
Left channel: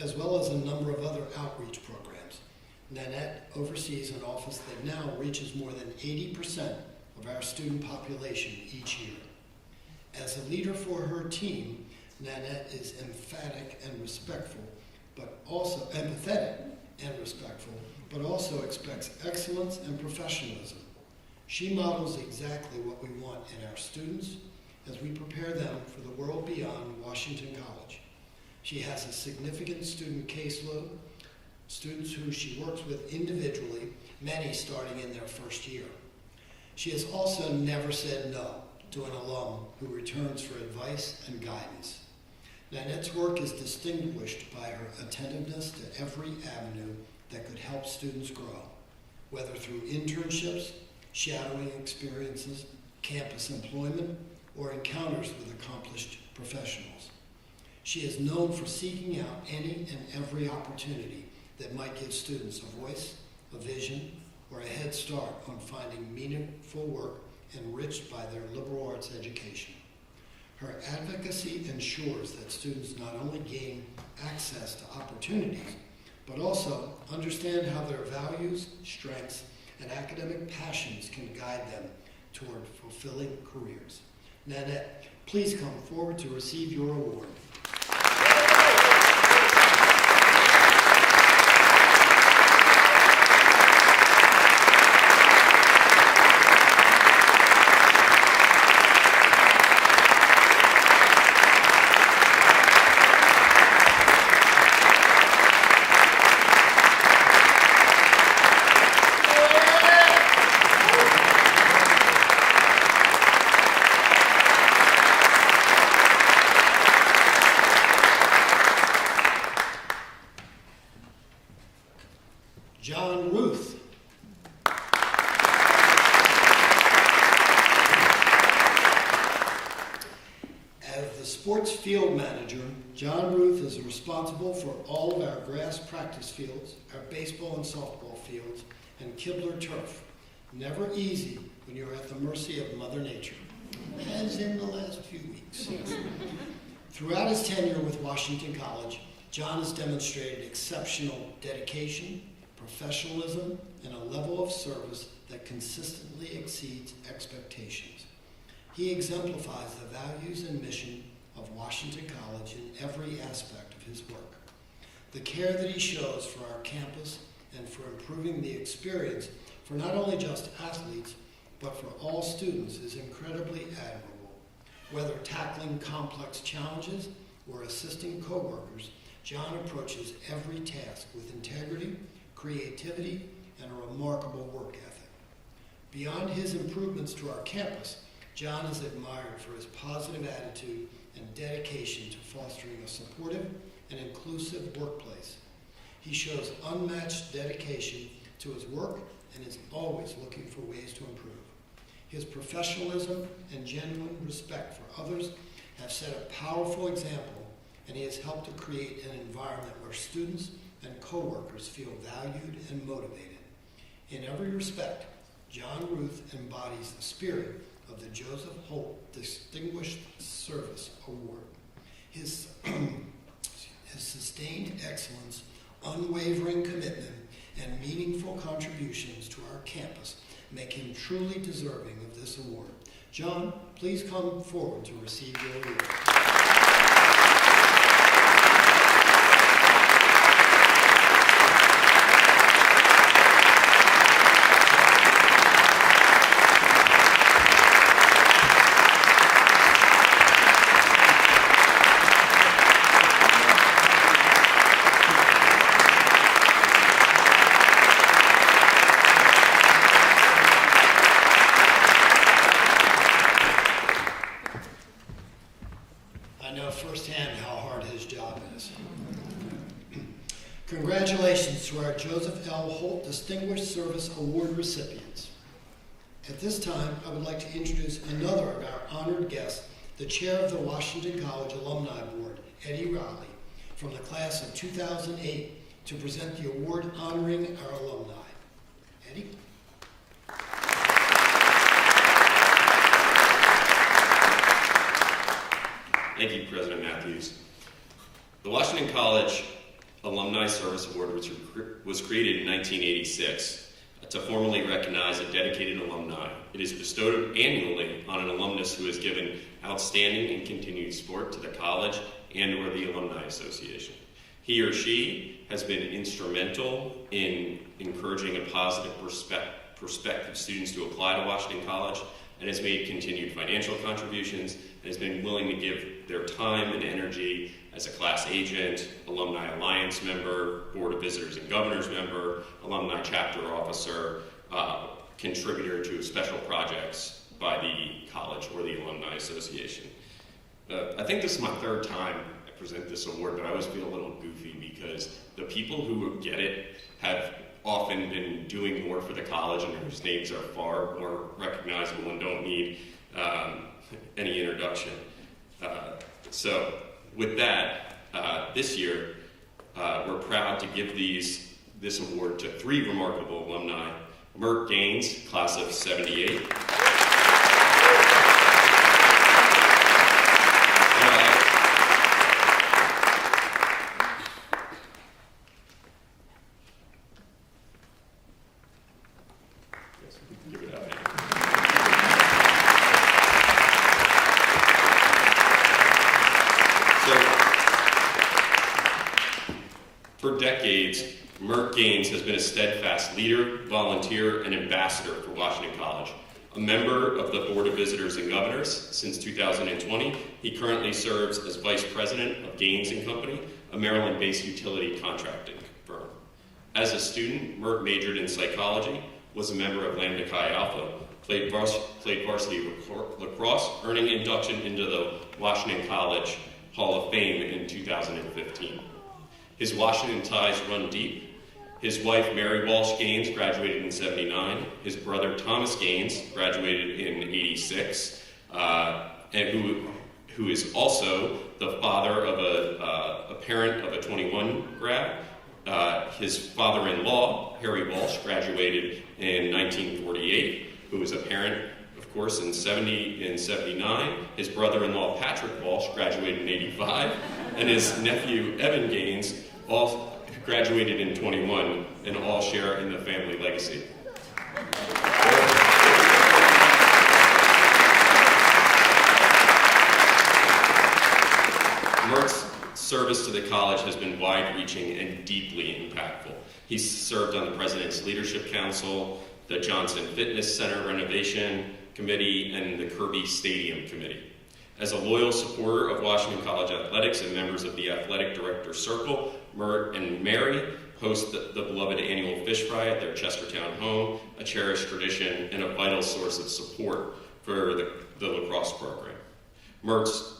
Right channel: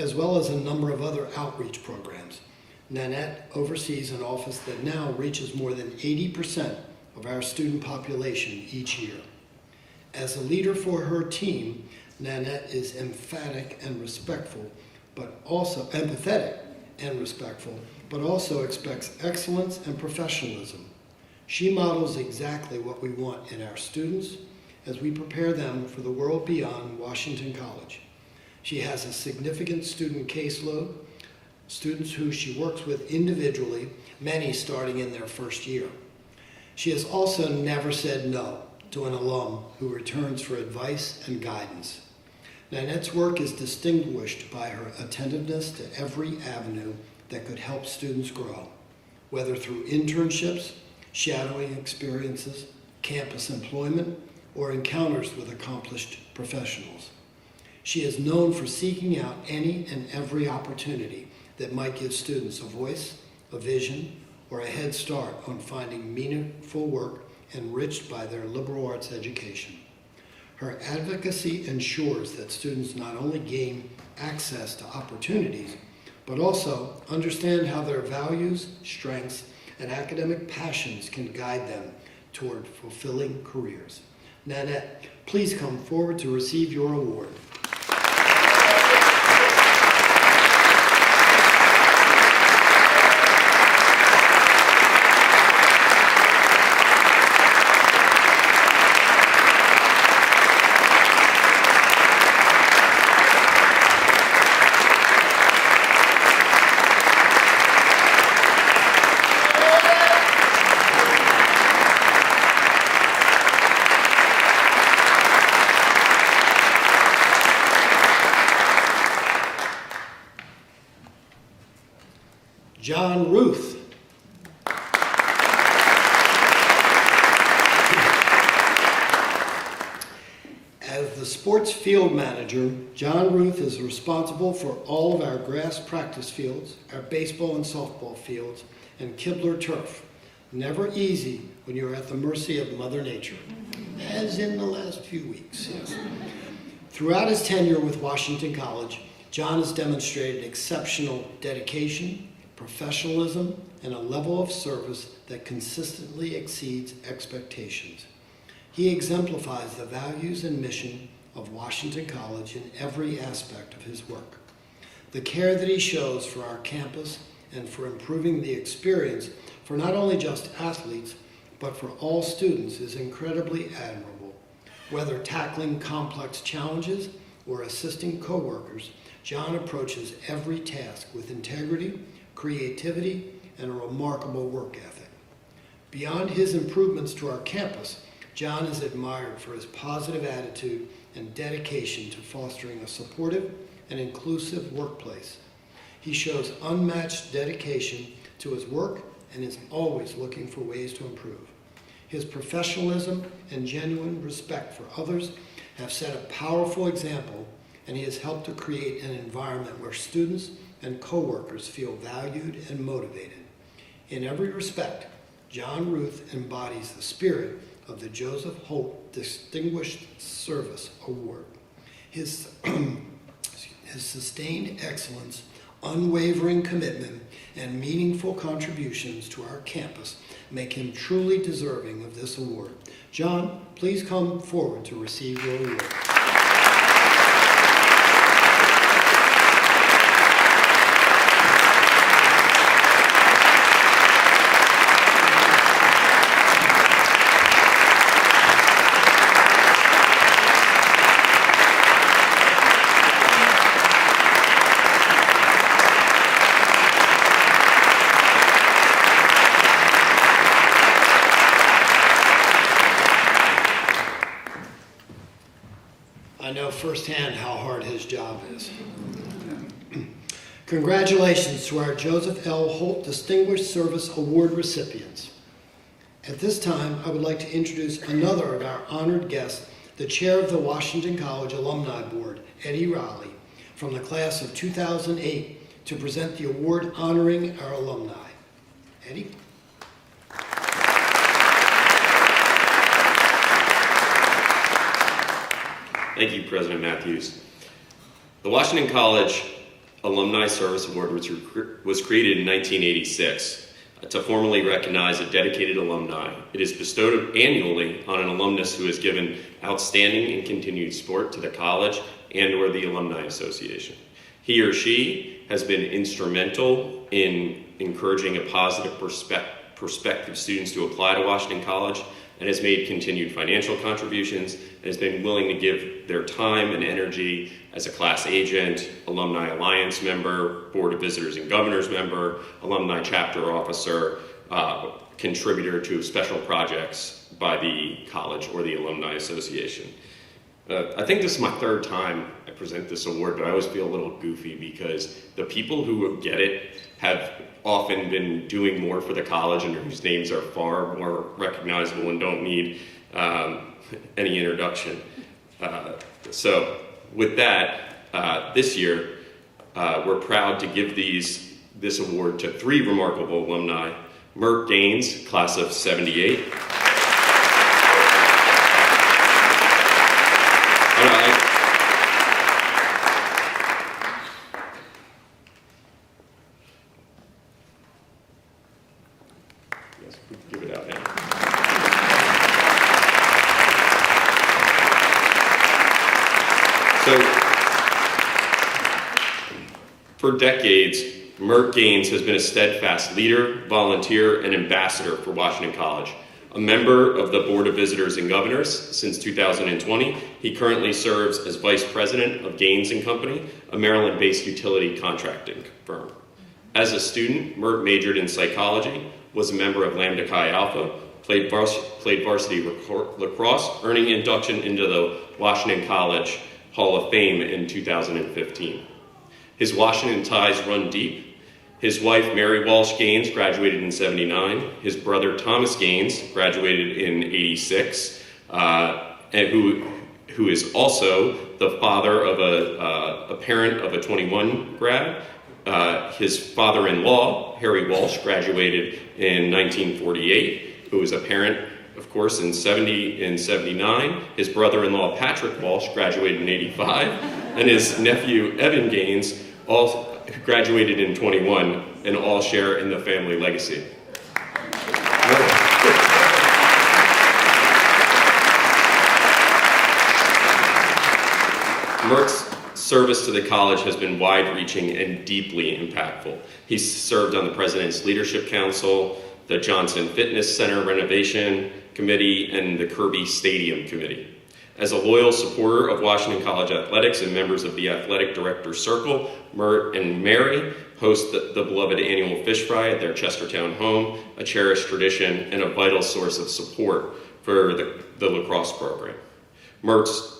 as well as a number of other outreach programs, Nanette oversees an office that now reaches more than 80% of our student population each year. As a leader for her team, Nanette is emphatic and respectful, but also empathetic and respectful, but also expects excellence and professionalism. She models exactly what we want in our students as we prepare them for the world beyond Washington College. She has a significant student caseload, students who she works with individually, many starting in their first year. She has also never said no to an alum who returns for advice and guidance. Nanette's work is distinguished by her attentiveness to every avenue that could help students grow, whether through internships, shadowing experiences, campus employment, or encounters with accomplished professionals. She is known for seeking out any and every opportunity that might give students a voice, a vision, or a head start on finding meaningful work enriched by their liberal arts education. Her advocacy ensures that students not only gain access to opportunities, but also understand how their values, strengths, and academic passions can guide them toward fulfilling careers. Nanette, please come forward to receive your award. John Ruth. As the sports field manager, John Ruth is responsible for all of our grass practice fields, our baseball and softball fields, and Kibler turf. Never easy when you're at the mercy of Mother Nature, as in the last few weeks. Yes. Throughout his tenure with Washington College, John has demonstrated exceptional dedication, professionalism, and a level of service that consistently exceeds expectations. He exemplifies the values and mission of Washington College in every aspect of his work. The care that he shows for our campus and for improving the experience for not only just athletes, but for all students is incredibly admirable. Whether tackling complex challenges or assisting coworkers, John approaches every task with integrity, creativity, and a remarkable work ethic. Beyond his improvements to our campus, John is admired for his positive attitude and dedication to fostering a supportive and inclusive workplace. He shows unmatched dedication to his work and is always looking for ways to improve. His professionalism and genuine respect for others have set a powerful example, and he has helped to create an environment where students and coworkers feel valued and motivated. In every respect, John Ruth embodies the spirit of the Joseph Holt Distinguished Service Award. His sustained excellence, unwavering commitment, and meaningful contributions to our campus make him truly deserving of this award. John, please come forward to receive your award. I know firsthand how hard his job is. Congratulations to our Joseph L. Holt Distinguished Service Award recipients. At this time, I would like to introduce another of our honored guests, the chair of the Washington College Alumni Board, Eddie Raleigh, from the class of 2008, to present the award honoring our alumni. Eddie? Thank you, President Matthews. The Washington College Alumni Service Award was created in 1986 to formally recognize a dedicated alumni. It is bestowed annually on an alumnus who has given outstanding and continued support to the college and or the Alumni Association. He or she has been instrumental in encouraging a positive prospective students to apply to Washington College, and has made continued financial contributions, and has been willing to give their time and energy as a class agent, Alumni Alliance member, Board of Visitors and Governors member, Alumni Chapter Officer, contributor to special projects by the college or the Alumni Association. I think this is my third time I present this award, but I always feel a little goofy because the people who get it have often been doing more for the college and whose names are far more recognizable and don't need any introduction. So with that, this year, we're proud to give this award to 3 remarkable alumni. Mert Gaines, class of 78. Yes, we can give it out now. So, for decades, Mert Gaines has been a steadfast leader, volunteer, and ambassador for Washington College. A member of the Board of Visitors and Governors since 2020, he currently serves as Vice President of Gaines & Company, a Maryland-based utility contracting firm. As a student, Mert majored in psychology, was a member of Lambda Chi Alpha, played varsity lacrosse, earning induction into the Washington College Hall of Fame in 2015. His Washington ties run deep. His wife, Mary Walsh Gaines, graduated in '79. His brother, Thomas Gaines, graduated in '86, and who is also the father of a parent of a 21 grad. His father-in-law, Harry Walsh, graduated in 1948, who was a parent, of course, in 79. His brother-in-law, Patrick Walsh, graduated in '85, and his nephew, Evan Gaines, all graduated in 21, and all share in the family legacy. Mert's service to the college has been wide-reaching and deeply impactful. He's served on the President's Leadership Council, the Johnson Fitness Center Renovation Committee, and the Kirby Stadium Committee. As a loyal supporter of Washington College athletics and members of the Athletic Director Circle, Mert and Mary host the beloved annual fish fry at their Chestertown home, a cherished tradition and a vital source of support for the lacrosse program. Mert's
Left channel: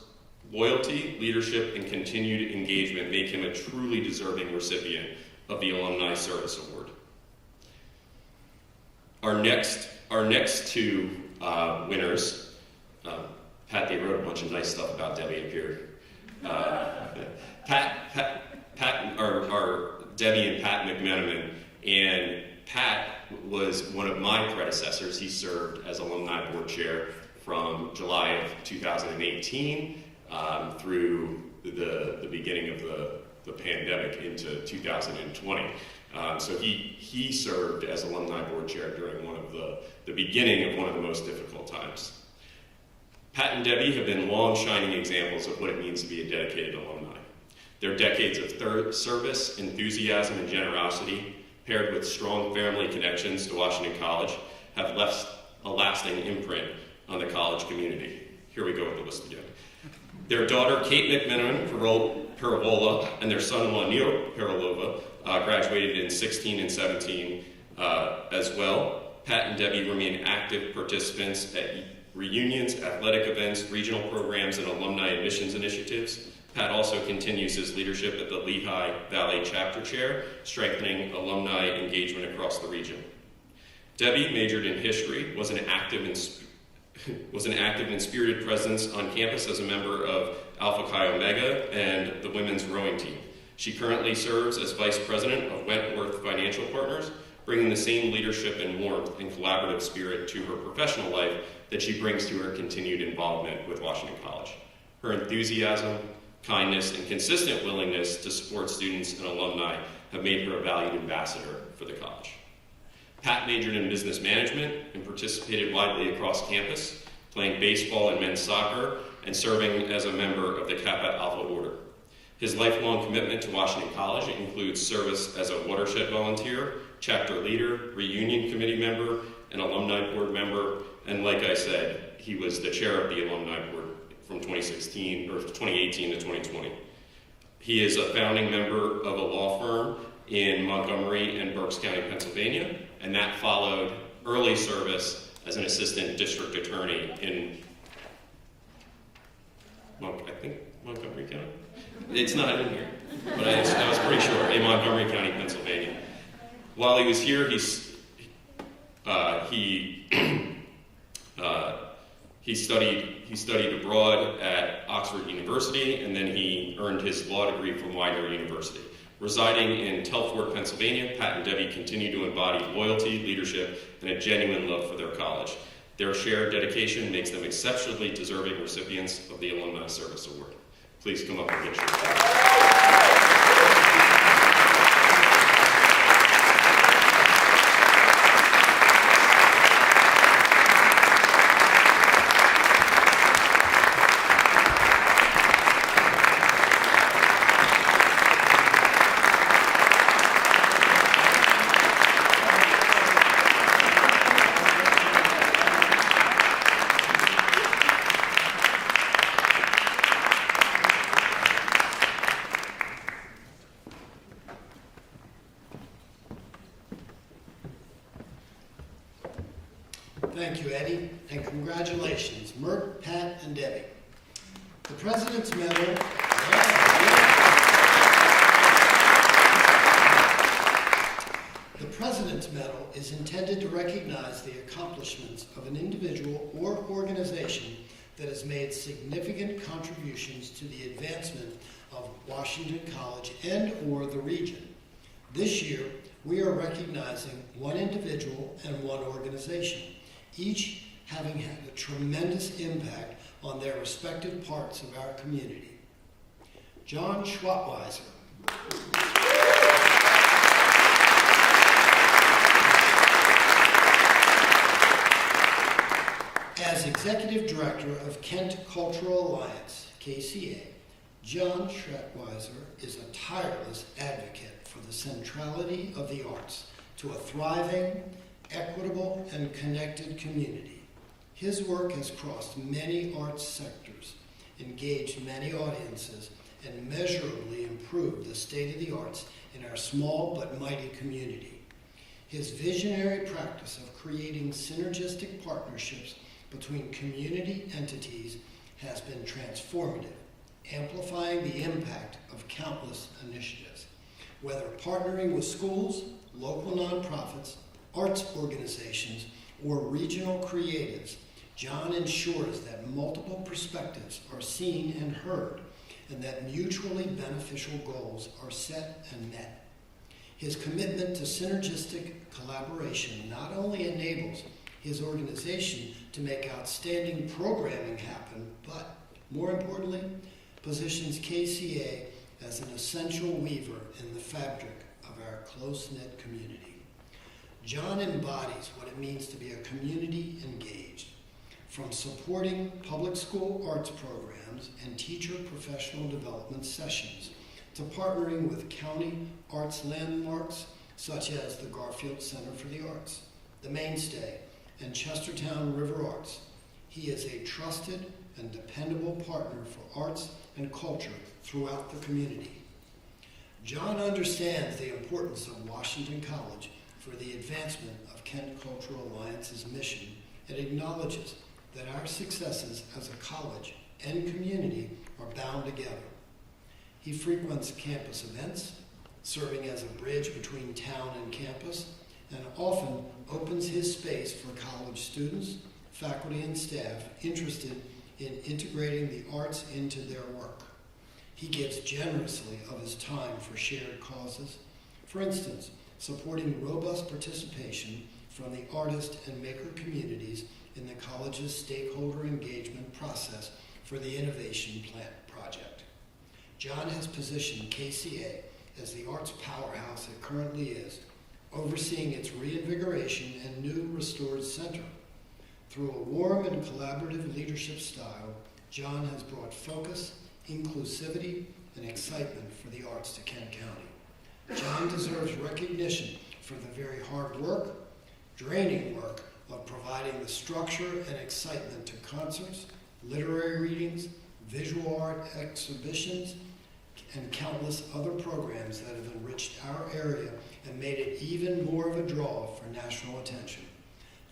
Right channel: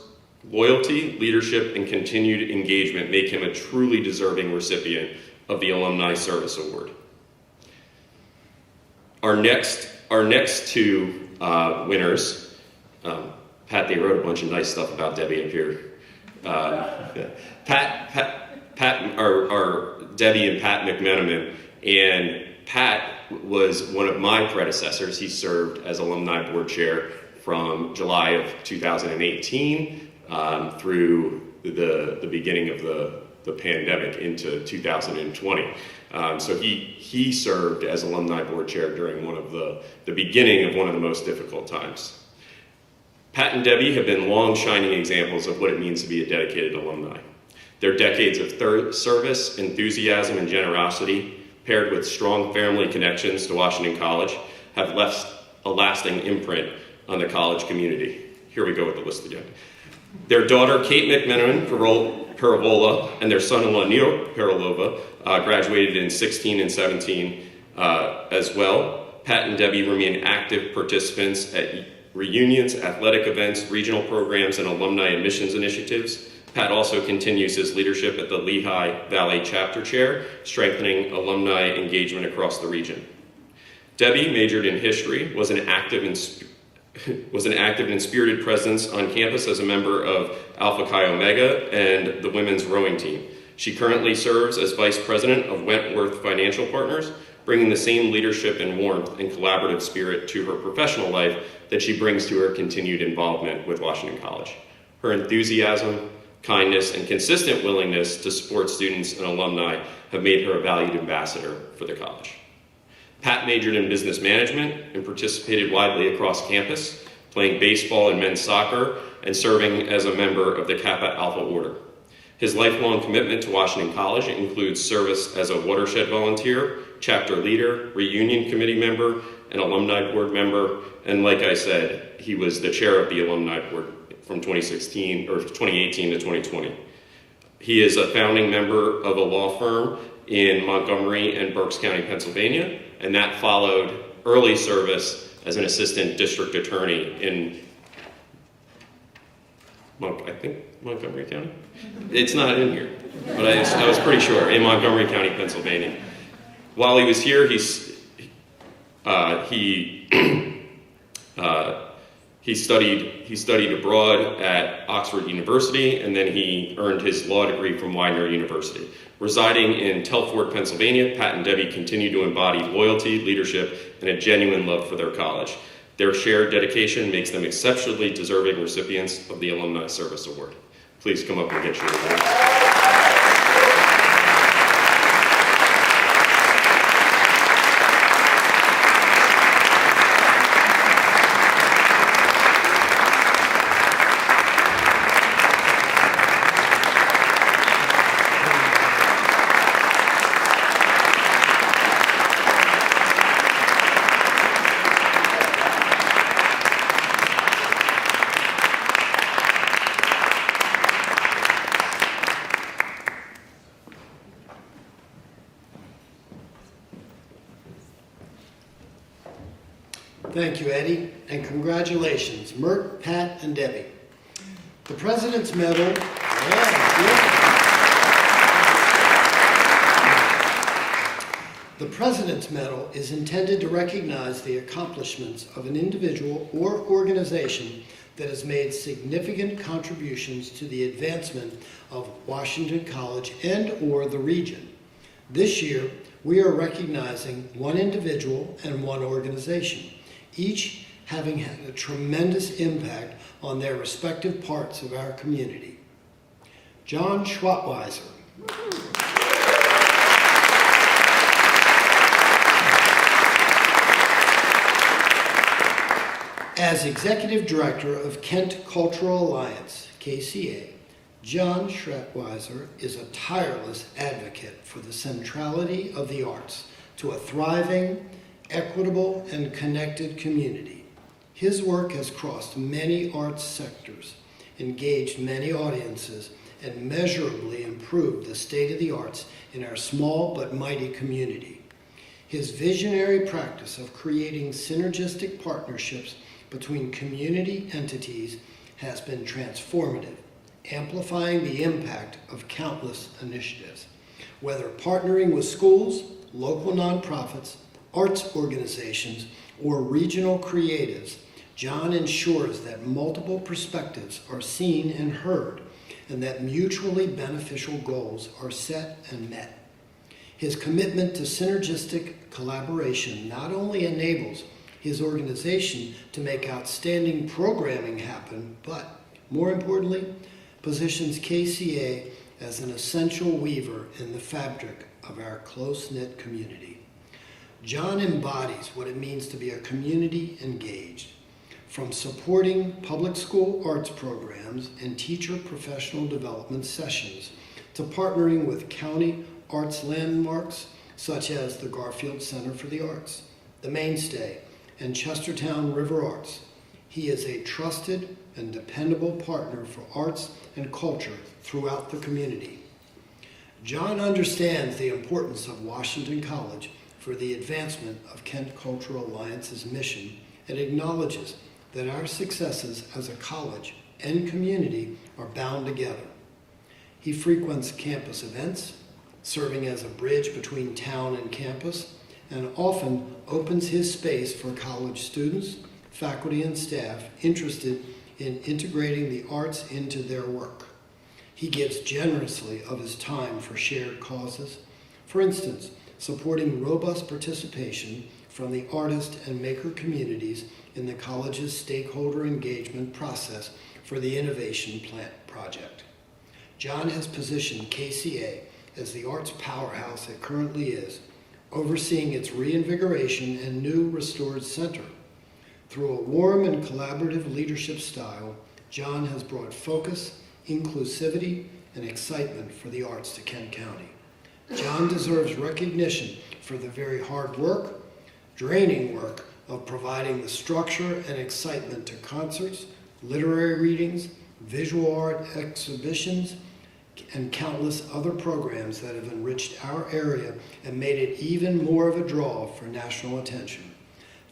loyalty, leadership, and continued engagement make him a truly deserving recipient of the Alumni Service Award. Our next 2 winners, Pat, they wrote a bunch of nice stuff about Debbie up here. Pat are Debbie and Pat McMenamin, and Pat was one of my predecessors. He served as alumni board chair from July of 2018 through the beginning of the pandemic into 2020. So he served as alumni board chair during one of the beginning of one of the most difficult times. Pat and Debbie have been long shining examples of what it means to be a dedicated alumni. Their decades of service, enthusiasm, and generosity, paired with strong family connections to Washington College, have left a lasting imprint on the college community. Here we go with the list again. Their daughter, Kate McMenamin Perivola, and their son-in-law, Neil Perilova, graduated in 16 and 17 as well. Pat and Debbie remain active participants at reunions, athletic events, regional programs, and alumni admissions initiatives. Pat also continues his leadership at the Lehigh Valley Chapter Chair, strengthening alumni engagement across the region. Debbie majored in history, was an active and spirited presence on campus as a member of Alpha Chi Omega and the women's rowing team. She currently serves as vice president of Wentworth Financial Partners, bringing the same leadership and warmth and collaborative spirit to her professional life that she brings to her continued involvement with Washington College. Her enthusiasm, kindness, and consistent willingness to support students and alumni have made her a valued ambassador for the college. Pat majored in business management and participated widely across campus, playing baseball and men's soccer and serving as a member of the Kappa Alpha Order. His lifelong commitment to Washington College includes service as a watershed volunteer, chapter leader, reunion committee member, and alumni board member, and like I said, he was the chair of the alumni board from 2018 to 2020. He is a founding member of a law firm in Montgomery and Berks County, Pennsylvania, and that followed early service as an assistant district attorney in Montgomery County? It's not in here, but I was pretty sure, in Montgomery County, Pennsylvania. While he was here, he studied abroad at Oxford University, and then he earned his law degree from Widener University. Residing in Telford, Pennsylvania, Pat and Debbie continue to embody loyalty, leadership, and a genuine love for their college. Their shared dedication makes them exceptionally deserving recipients of the Alumni Service Award. Please come up and get your award. Thank you, Eddie, and congratulations, Mert, Pat, and Debbie. The President's Medal. The President's Medal is intended to recognize the accomplishments of an individual or organization that has made significant contributions to the advancement of Washington College and/or the region. This year, we are recognizing one individual and one organization, each having had a tremendous impact on their respective parts of our community. John Schwattweiser. As Executive Director of Kent Cultural Alliance, KCA, John Schwattweiser is a tireless advocate for the centrality of the arts to a thriving, equitable, and connected community. His work has crossed many arts sectors, engaged many audiences, and measurably improved the state of the arts in our small but mighty community. His visionary practice of creating synergistic partnerships between community entities has been transformative, amplifying the impact of countless initiatives. Whether partnering with schools, local nonprofits, arts organizations, or regional creatives, John ensures that multiple perspectives are seen and heard, and that mutually beneficial goals are set and met. His commitment to synergistic collaboration not only enables his organization to make outstanding programming happen, but, more importantly, positions KCA as an essential weaver in the fabric of our close-knit community. John embodies what it means to be a community engaged, from supporting public school arts programs and teacher professional development sessions to partnering with county arts landmarks such as the Garfield Center for the Arts, the Mainstay, and Chestertown River Arts. He is a trusted and dependable partner for arts and culture throughout the community. John understands the importance of Washington College for the advancement of Kent Cultural Alliance's mission and acknowledges that our successes as a college and community are bound together. He frequents campus events, serving as a bridge between town and campus, and often opens his space for college students, faculty, and staff interested in integrating the arts into their work. He gives generously of his time for shared causes. For instance, supporting robust participation from the artist and maker communities in the college's stakeholder engagement process for the Innovation Plant project. John has positioned KCA as the arts powerhouse it currently is, overseeing its reinvigoration and new restored center. Through a warm and collaborative leadership style, John has brought focus, inclusivity, and excitement for the arts to Kent County. John deserves recognition for the very hard work, draining work of providing the structure and excitement to concerts, literary readings, visual art exhibitions, and countless other programs that have enriched our area and made it even more of a draw for national attention.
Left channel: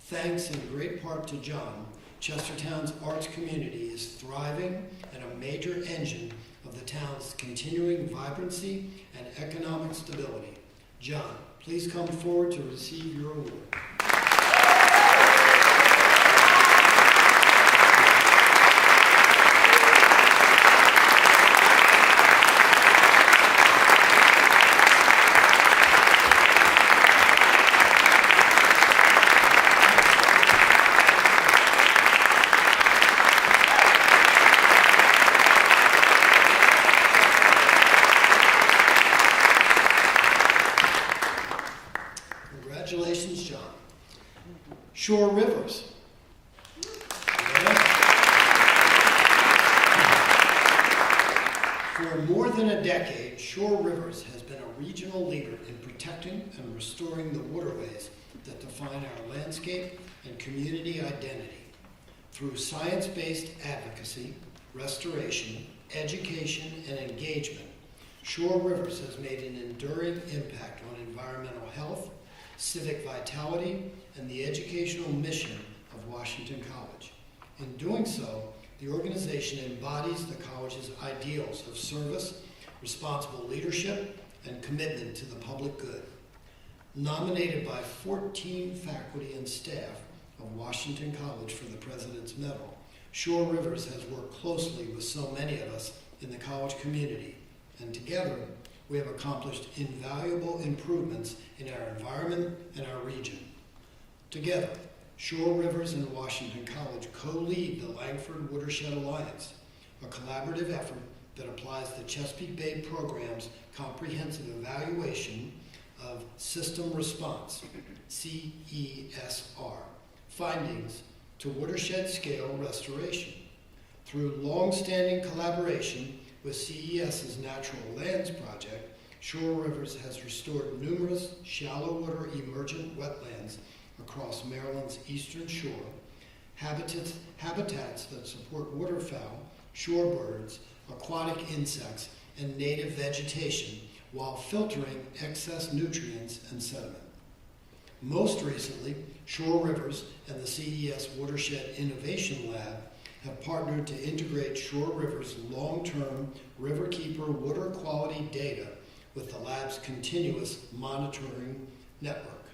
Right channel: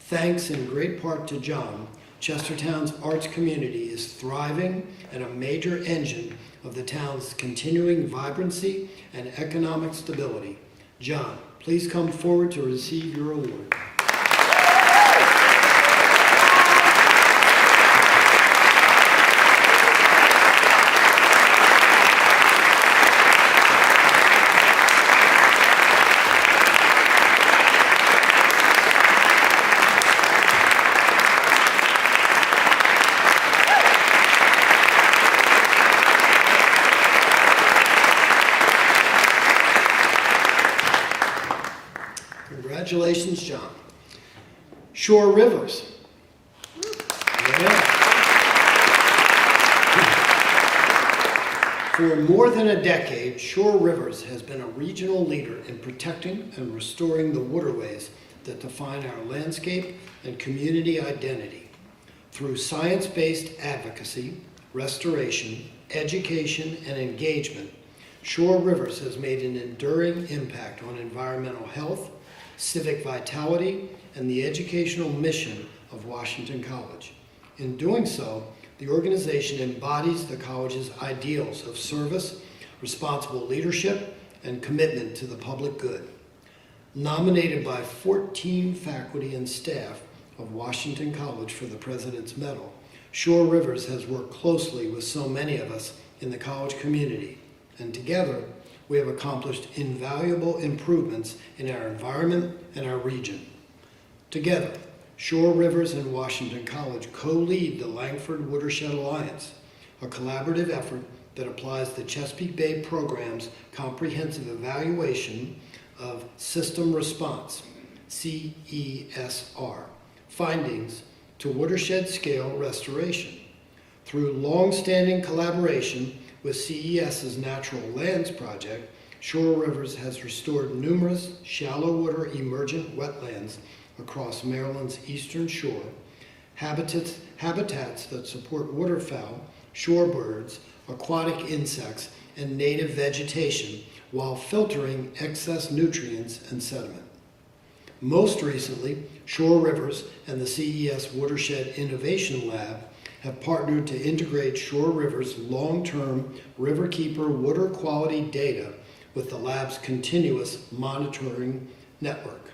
Thanks in great part to John, Chestertown's arts community is thriving and a major engine of the town's continuing vibrancy and economic stability. John, please come forward to receive your award. Congratulations, John. Shore Rivers. Yeah. For more than a decade, Shore Rivers has been a regional leader in protecting and restoring the waterways that define our landscape and community identity. Through science-based advocacy, restoration, education, and engagement, Shore Rivers has made an enduring impact on environmental health, civic vitality, and the educational mission of Washington College. In doing so, the organization embodies the college's ideals of service, responsible leadership, and commitment to the public good. Nominated by 14 faculty and staff of Washington College for the President's Medal, Shore Rivers has worked closely with so many of us in the college community, and together we have accomplished invaluable improvements in our environment and our region. Together, Shore Rivers and Washington College co-lead the Langford Watershed Alliance, a collaborative effort that applies the Chesapeake Bay program's comprehensive evaluation of system response, CESR, findings to watershed-scale restoration. Through long-standing collaboration with CES's Natural Lands Project, Shore Rivers has restored numerous shallow water emergent wetlands across Maryland's eastern shore, habitats that support waterfowl, shorebirds, aquatic insects, and native vegetation while filtering excess nutrients and sediment. Most recently, Shore Rivers and the CES Watershed Innovation Lab have partnered to integrate Shore River's long-term Riverkeeper water quality data with the lab's continuous monitoring network.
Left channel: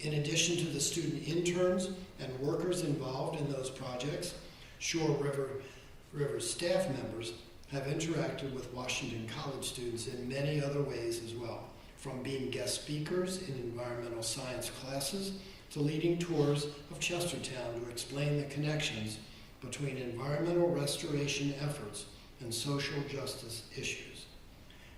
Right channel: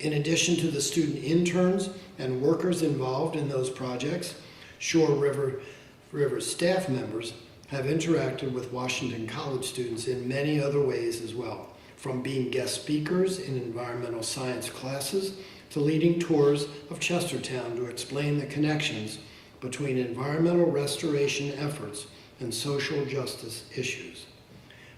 In addition to the student interns and workers involved in those projects, Shore River staff members have interacted with Washington College students in many other ways as well, from being guest speakers in environmental science classes to leading tours of Chestertown to explain the connections between environmental restoration efforts and social justice issues.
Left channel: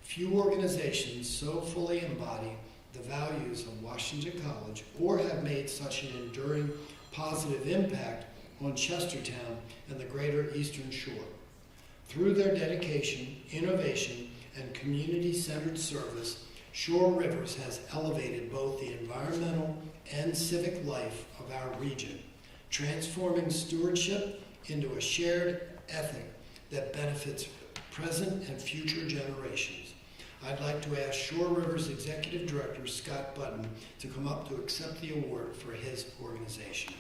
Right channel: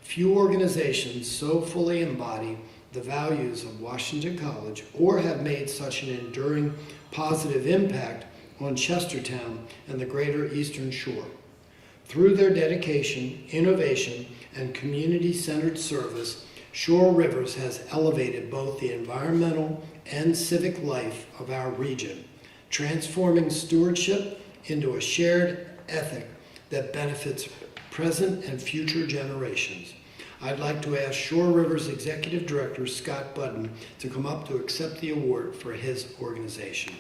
Few organizations so fully embody the values of Washington College or have made such an enduring positive impact on Chestertown and the greater Eastern Shore. Through their dedication, innovation, and community-centered service, Shore Rivers has elevated both the environmental and civic life of our region, transforming stewardship into a shared ethic that benefits present and future generations. I'd like to ask Shore Rivers Executive Director Scott Budden to come up to accept the award for his organization.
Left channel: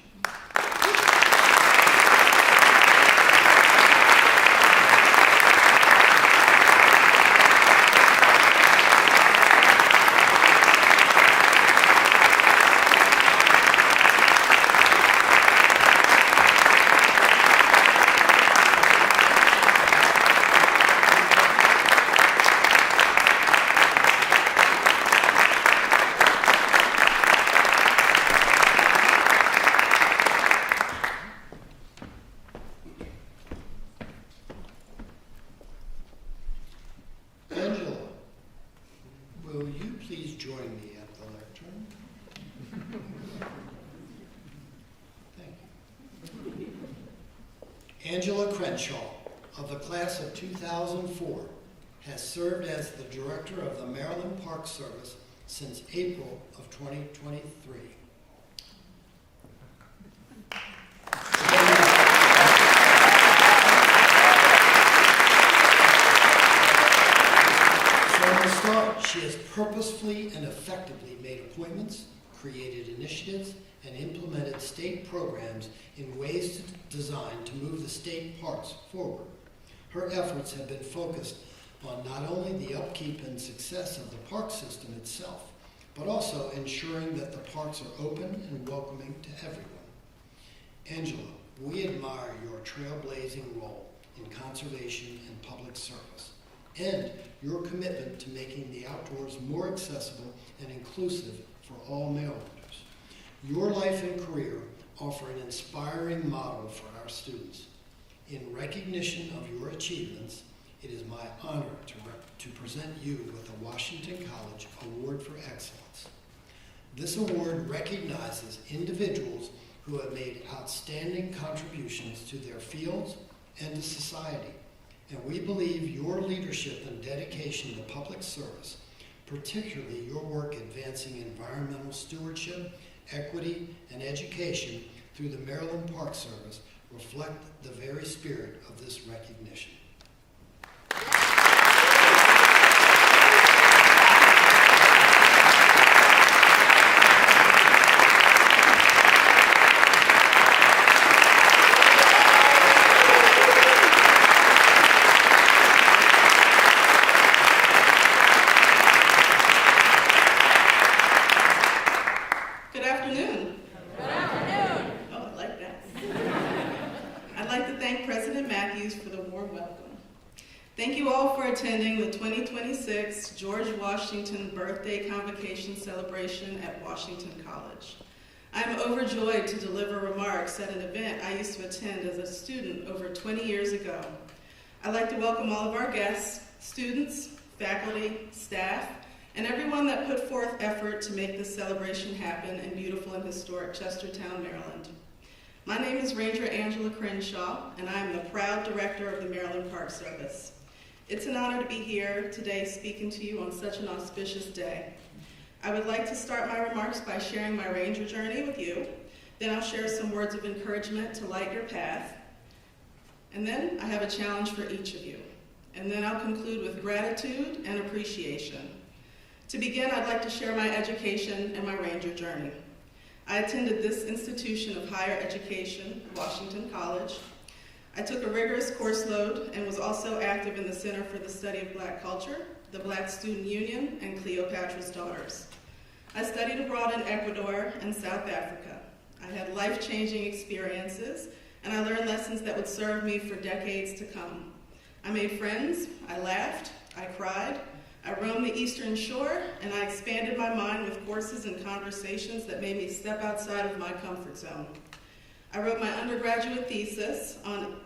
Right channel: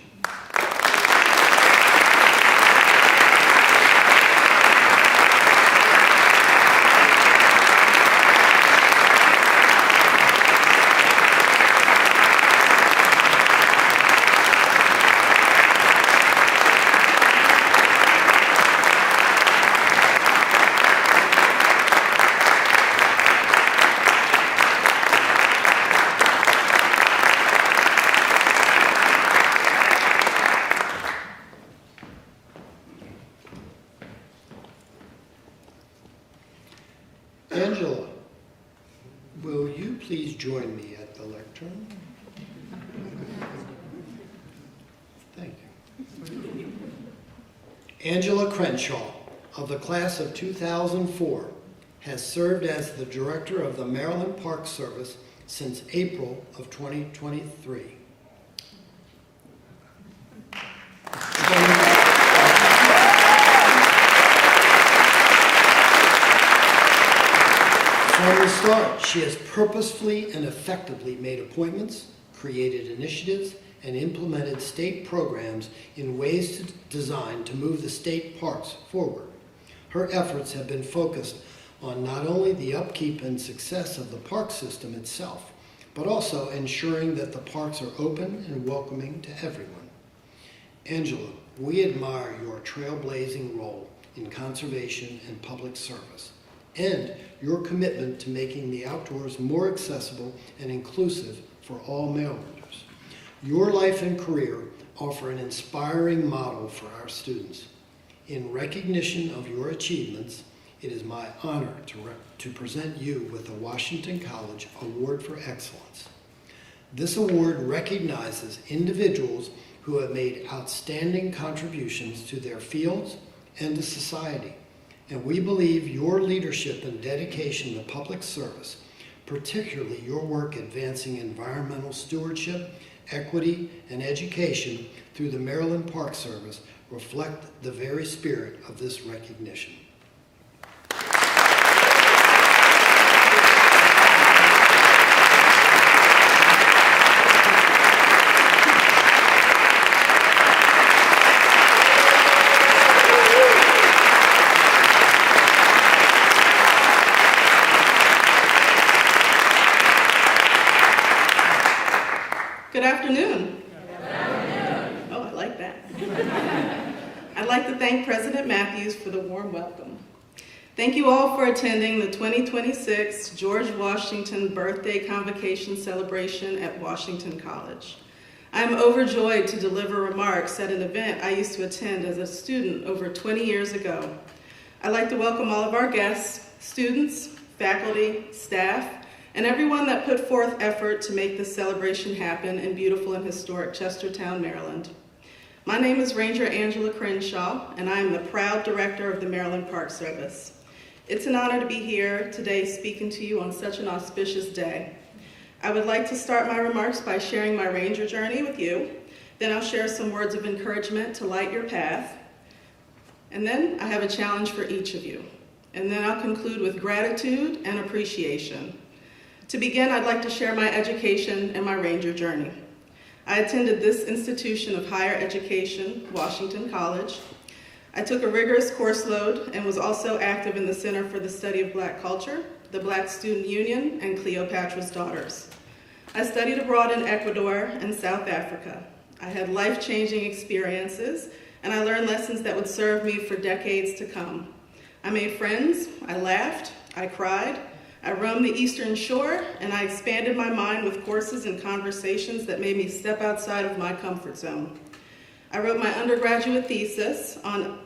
Angela, will you please join me at the lectern? Thank you. Angela Crenshaw, of the class of 2004, has served as the director of the Maryland Park Service since April of 2023. From the start, she has purposefully and effectively made appointments, created initiatives, and implemented state programs in ways designed to move the state parks forward. Her efforts have been focused on not only the upkeep and success of the park system itself, but also ensuring that the parks are open and welcoming to everyone. Angela, we admire your trailblazing role in conservation and public service, and your commitment to making the outdoors more accessible and inclusive for all Marylanders. Your life and career offer an inspiring model for our students. In recognition of your achievements, it is my honor to present you with the Washington College Award for Excellence. This award recognizes individuals who have made outstanding contributions to their fields and to society, and we believe your leadership and dedication to public service, particularly your work advancing environmental stewardship, equity, and education through the Maryland Park Service, reflect the very spirit of this recognition. Good afternoon. Oh, I like that. I'd like to thank President Matthews for the warm welcome. Thank you all for attending the 2026 George Washington Birthday Convocation celebration at Washington College. I am overjoyed to deliver remarks at an event I used to attend as a student over 20 years ago. I'd like to welcome all of our guests, students, faculty, staff, and everyone that put forth effort to make this celebration happen in beautiful and historic Chestertown, Maryland. My name is Ranger Angela Crenshaw, and I am the proud director of the Maryland Park Service. It's an honor to be here today speaking to you on such an auspicious day. I would like to start my remarks by sharing my ranger journey with you. Then I'll share some words of encouragement to light your path. And then I have a challenge for each of you. And then I'll conclude with gratitude and appreciation. To begin, I'd like to share my education and my ranger journey. I attended this institution of higher education, Washington College. I took a rigorous course load and was also active in the Center for the Study of Black Culture, the Black Student Union, and Cleopatra's Daughters. I studied abroad in Ecuador and South Africa. I had life-changing experiences, and I learned lessons that would serve me for decades to come. I made friends, I laughed, I cried, I roamed the Eastern Shore, and I expanded my mind with courses and conversations that made me step outside of my comfort zone. I wrote my undergraduate thesis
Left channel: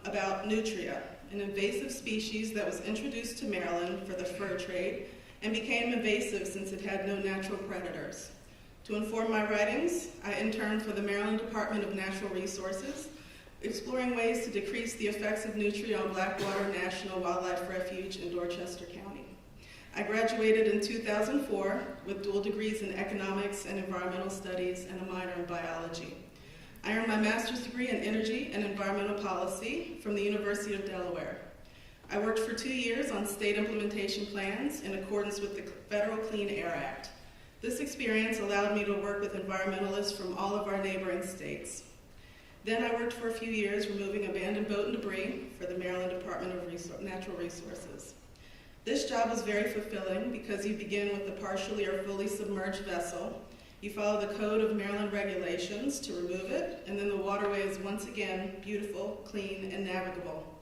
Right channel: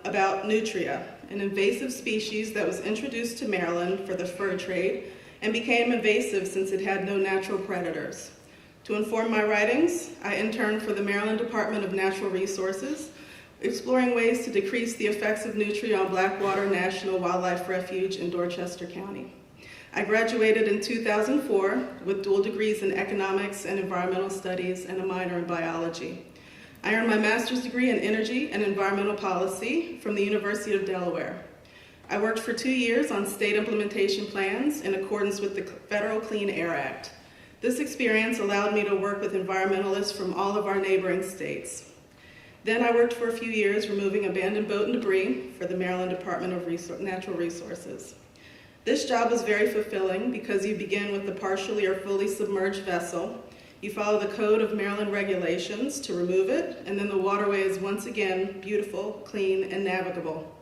about nutria, an invasive species that was introduced to Maryland for the fur trade and became invasive since it had no natural predators. To inform my writings, I interned for the Maryland Department of Natural Resources, exploring ways to decrease the effects of nutria on Blackwater National Wildlife Refuge in Dorchester County. I graduated in 2004 with dual degrees in economics and environmental studies and a minor in biology. I earned my master's degree in energy and environmental policy from the University of Delaware. I worked for 2 years on state implementation plans in accordance with the Federal Clean Air Act. This experience allowed me to work with environmentalists from all of our neighboring states. Then I worked for a few years removing abandoned boat and debris for the Maryland Department of Natural Resources. This job was very fulfilling because you begin with a partially or fully submerged vessel. You follow the code of Maryland regulations to remove it, and then the waterway is once again beautiful, clean, and navigable.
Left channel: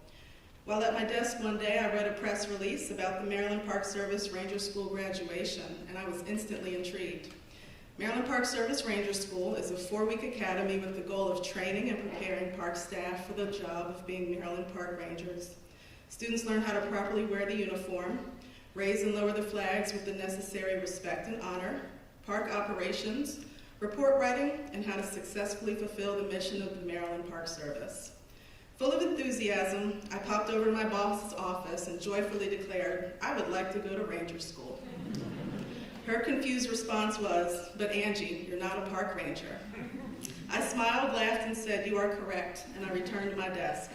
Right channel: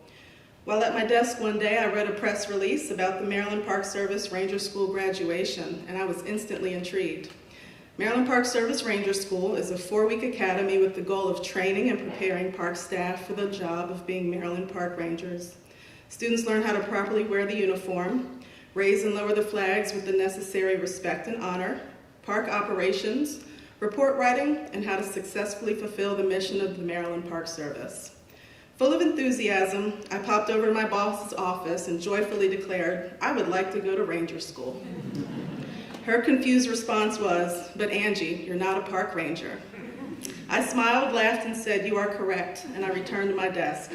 While at my desk one day, I read a press release about the Maryland Park Service Ranger School graduation, and I was instantly intrigued. Maryland Park Service Ranger School is a 4-week academy with the goal of training and preparing park staff for the job of being Maryland Park Rangers. Students learn how to properly wear the uniform, raise and lower the flags with the necessary respect and honor, park operations, report writing, and how to successfully fulfill the mission of the Maryland Park Service. Full of enthusiasm, I popped over to my boss's office and joyfully declared, I would like to go to Ranger School. Her confused response was, but Angie, you're not a park ranger. I smiled, laughed, and said, you are correct, and I returned to my desk.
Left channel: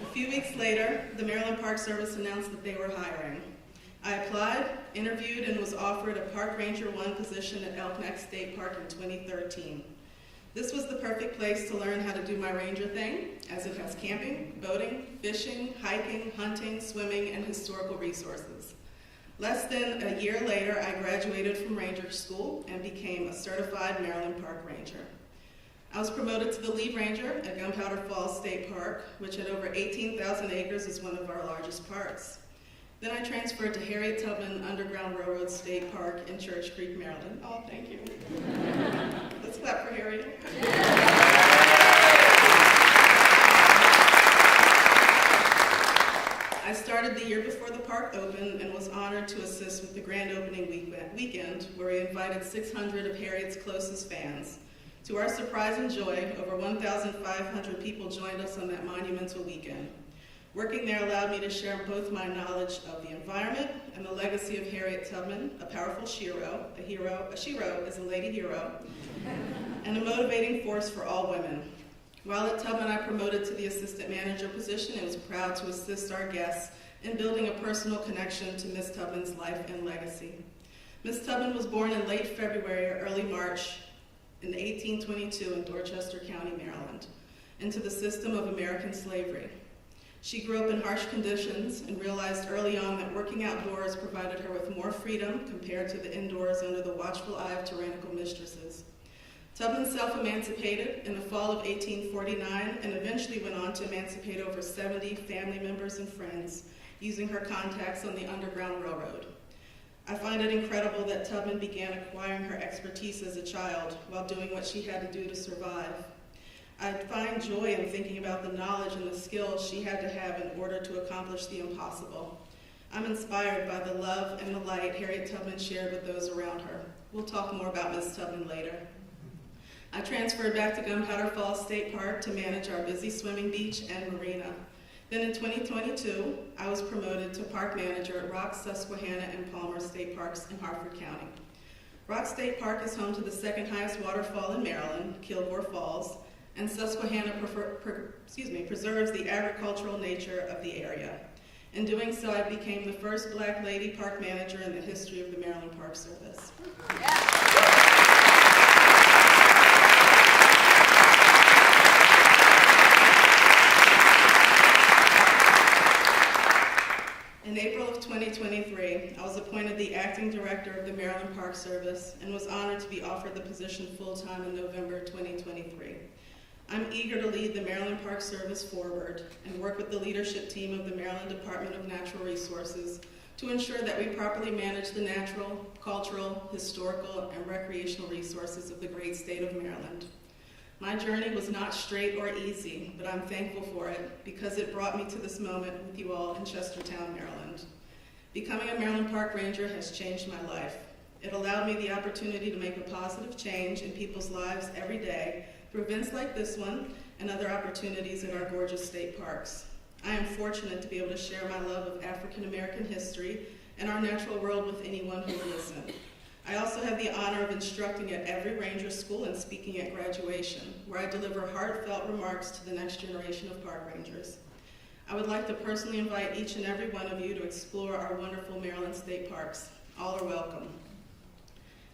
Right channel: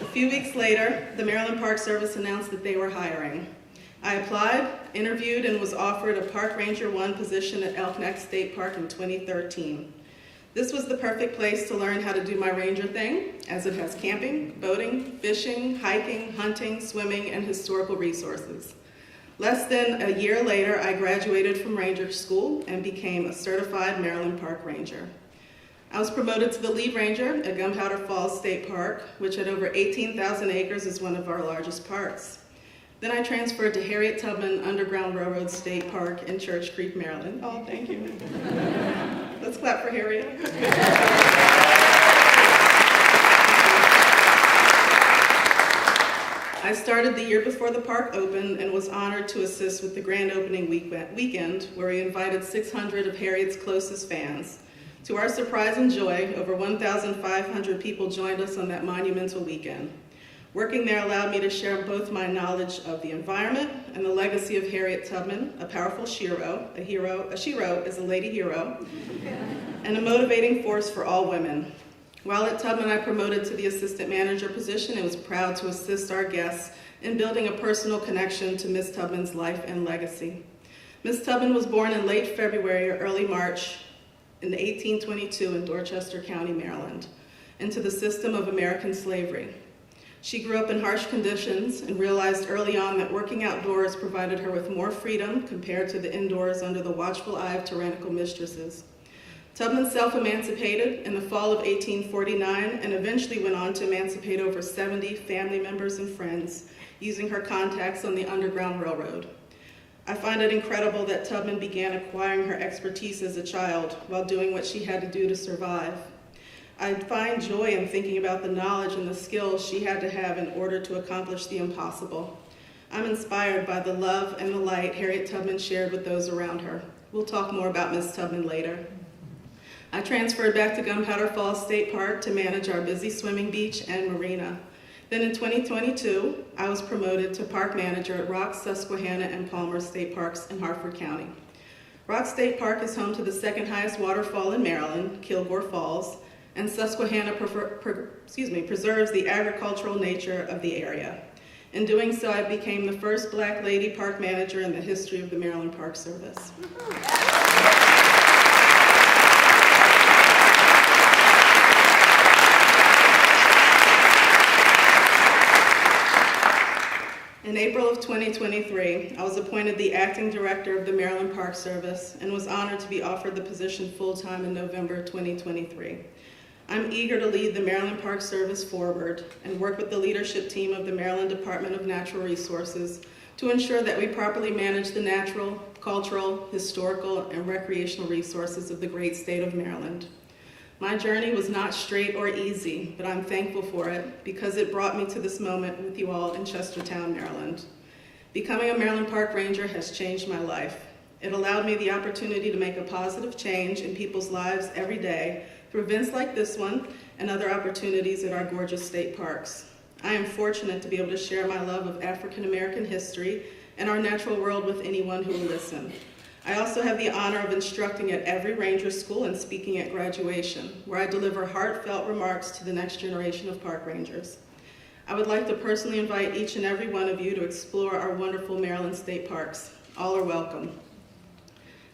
A few weeks later, the Maryland Park Service announced that they were hiring. I applied, interviewed, and was offered a Park Ranger 1 position at Elk Neck State Park in 2013. This was the perfect place to learn how to do my ranger thing, as it has camping, boating, fishing, hiking, hunting, swimming, and historical resources. Less than a year later, I graduated from Ranger School and became a certified Maryland Park Ranger. I was promoted to the lead ranger at Gunpowder Falls State Park, which at over 18,000 acres is one of our largest parks. Then I transferred to Harriet Tubman Underground Railroad State Park in Church Creek, Maryland. Oh, thank you. Let's clap for Harriet. I started the year before the park opened and was honored to assist with the grand opening weekend, where we invited 600 of Harriet's closest fans. To our surprise and joy, over 1,500 people joined us on that monumental weekend. Working there allowed me to share both my knowledge of the environment and the legacy of Harriet Tubman, a powerful shero. A shero is a lady hero, and a motivating force for all women. While at Tubman, I promoted to the assistant manager position and was proud to assist our guests in building a personal connection to Miss Tubman's life and legacy. Miss Tubman was born in late February or early March in 1822 in Dorchester County, Maryland, into the system of American slavery. She grew up in harsh conditions and realized early on that working outdoors provided her with more freedom compared to the indoors under the watchful eye of tyrannical mistresses. Tubman self-emancipated in the fall of 1849 and eventually went on to emancipate over 70 family members and friends using her contacts on the Underground Railroad. I find it incredible that Tubman began acquiring her expertise as a child while doing what she had to do to survive. I find joy in thinking about the knowledge and the skills she had to have in order to accomplish the impossible. I'm inspired by the love and the light Harriet Tubman shared with those around her. We'll talk more about Miss Tubman later. I transferred back to Gunpowder Falls State Park to manage our busy swimming beach and marina. Then in 2022, I was promoted to park manager at Rock, Susquehanna, and Palmer State Parks in Harford County. Rock State Park is home to the second highest waterfall in Maryland, Kilgore Falls, and Susquehanna preserves the agricultural nature of the area. In doing so, I became the first Black lady park manager in the history of the Maryland Park Service. In April of 2023, I was appointed the acting director of the Maryland Park Service and was honored to be offered the position full-time in November 2023. I'm eager to lead the Maryland Park Service forward and work with the leadership team of the Maryland Department of Natural Resources to ensure that we properly manage the natural, cultural, historical, and recreational resources of the great state of Maryland. My journey was not straight or easy, but I'm thankful for it because it brought me to this moment with you all in Chestertown, Maryland. Becoming a Maryland Park Ranger has changed my life. It allowed me the opportunity to make a positive change in people's lives every day through events like this one and other opportunities at our gorgeous state parks. I am fortunate to be able to share my love of African American history and our natural world with anyone who will listen. I also have the honor of instructing at every Ranger School and speaking at graduation, where I deliver heartfelt remarks to the next generation of park rangers. I would like to personally invite each and every one of you to explore our wonderful Maryland state parks. All are welcome.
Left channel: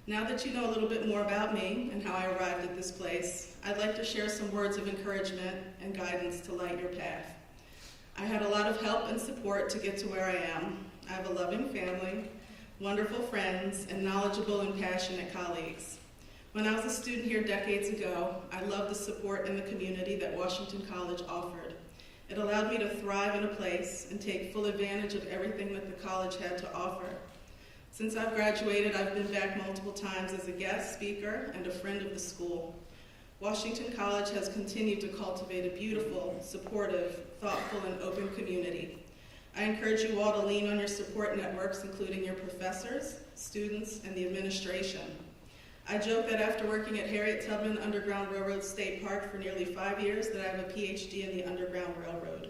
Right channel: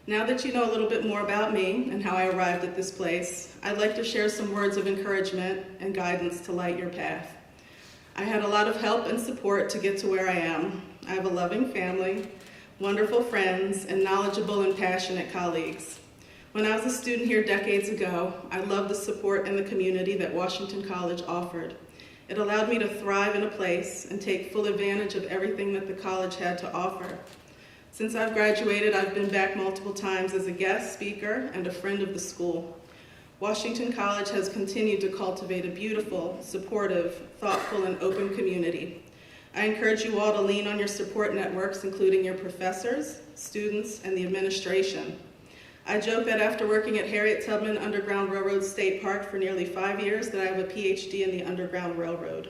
Now that you know a little bit more about me and how I arrived at this place, I'd like to share some words of encouragement and guidance to light your path. I had a lot of help and support to get to where I am. I have a loving family, wonderful friends, and knowledgeable and passionate colleagues. When I was a student here decades ago, I loved the support and the community that Washington College offered. It allowed me to thrive in a place and take full advantage of everything that the college had to offer. Since I've graduated, I've been back multiple times as a guest speaker and a friend of the school. Washington College has continued to cultivate a beautiful, supportive, thoughtful, and open community. I encourage you all to lean on your support networks, including your professors, students, and the administration. I joke that after working at Harriet Tubman Underground Railroad State Park for nearly 5 years, that I have a PhD in the Underground Railroad.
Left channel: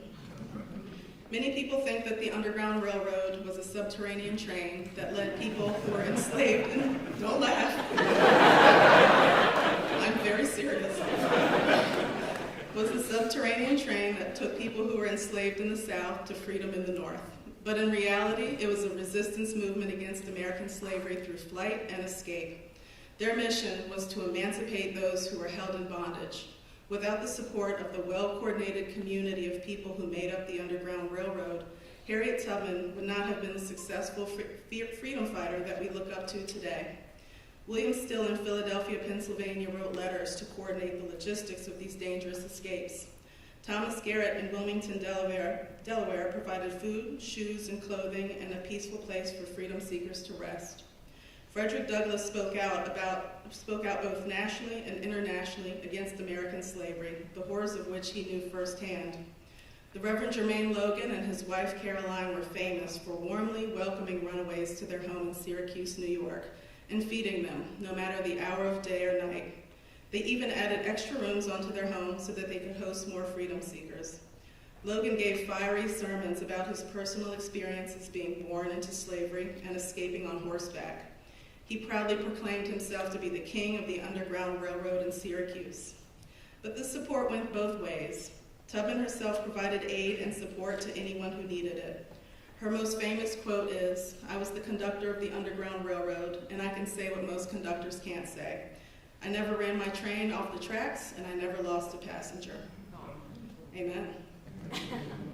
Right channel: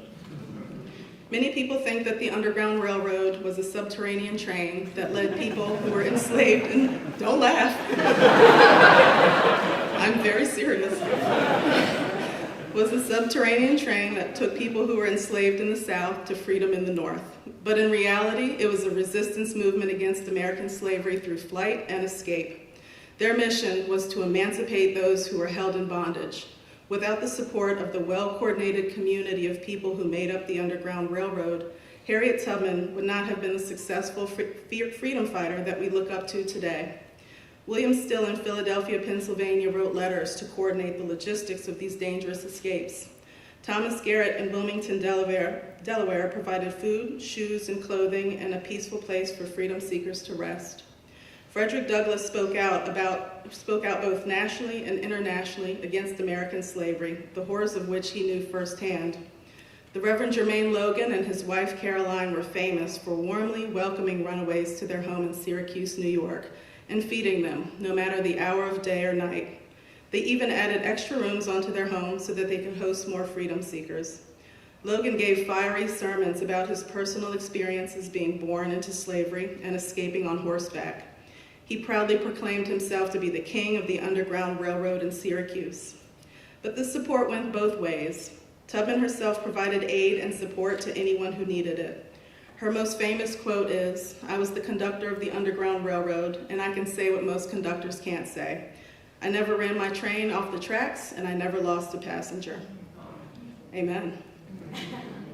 Many people think that the Underground Railroad was a subterranean train that led people who were enslaved, and don't laugh. I'm very serious. was a subterranean train that took people who were enslaved in the South to freedom in the North. But in reality, it was a resistance movement against American slavery through flight and escape. Their mission was to emancipate those who were held in bondage. Without the support of the well-coordinated community of people who made up the Underground Railroad, Harriet Tubman would not have been the successful freedom fighter that we look up to today. William Still in Philadelphia, Pennsylvania wrote letters to coordinate the logistics of these dangerous escapes. Thomas Garrett in Wilmington, Delaware provided food, shoes, and clothing and a peaceful place for freedom seekers to rest. Frederick Douglass spoke out both nationally and internationally against American slavery, the horrors of which he knew firsthand. The Reverend Jermaine Logan and his wife Caroline were famous for warmly welcoming runaways to their home in Syracuse, New York, and feeding them, no matter the hour of day or night. They even added extra rooms onto their home so that they could host more freedom seekers. Logan gave fiery sermons about his personal experiences being born into slavery and escaping on horseback. He proudly proclaimed himself to be the king of the Underground Railroad in Syracuse. But this support went both ways. Tubman herself provided aid and support to anyone who needed it. Her most famous quote is, "I was the conductor of the Underground Railroad, and I can say what most conductors can't say. I never ran my train off the tracks, and I never lost a passenger." Amen.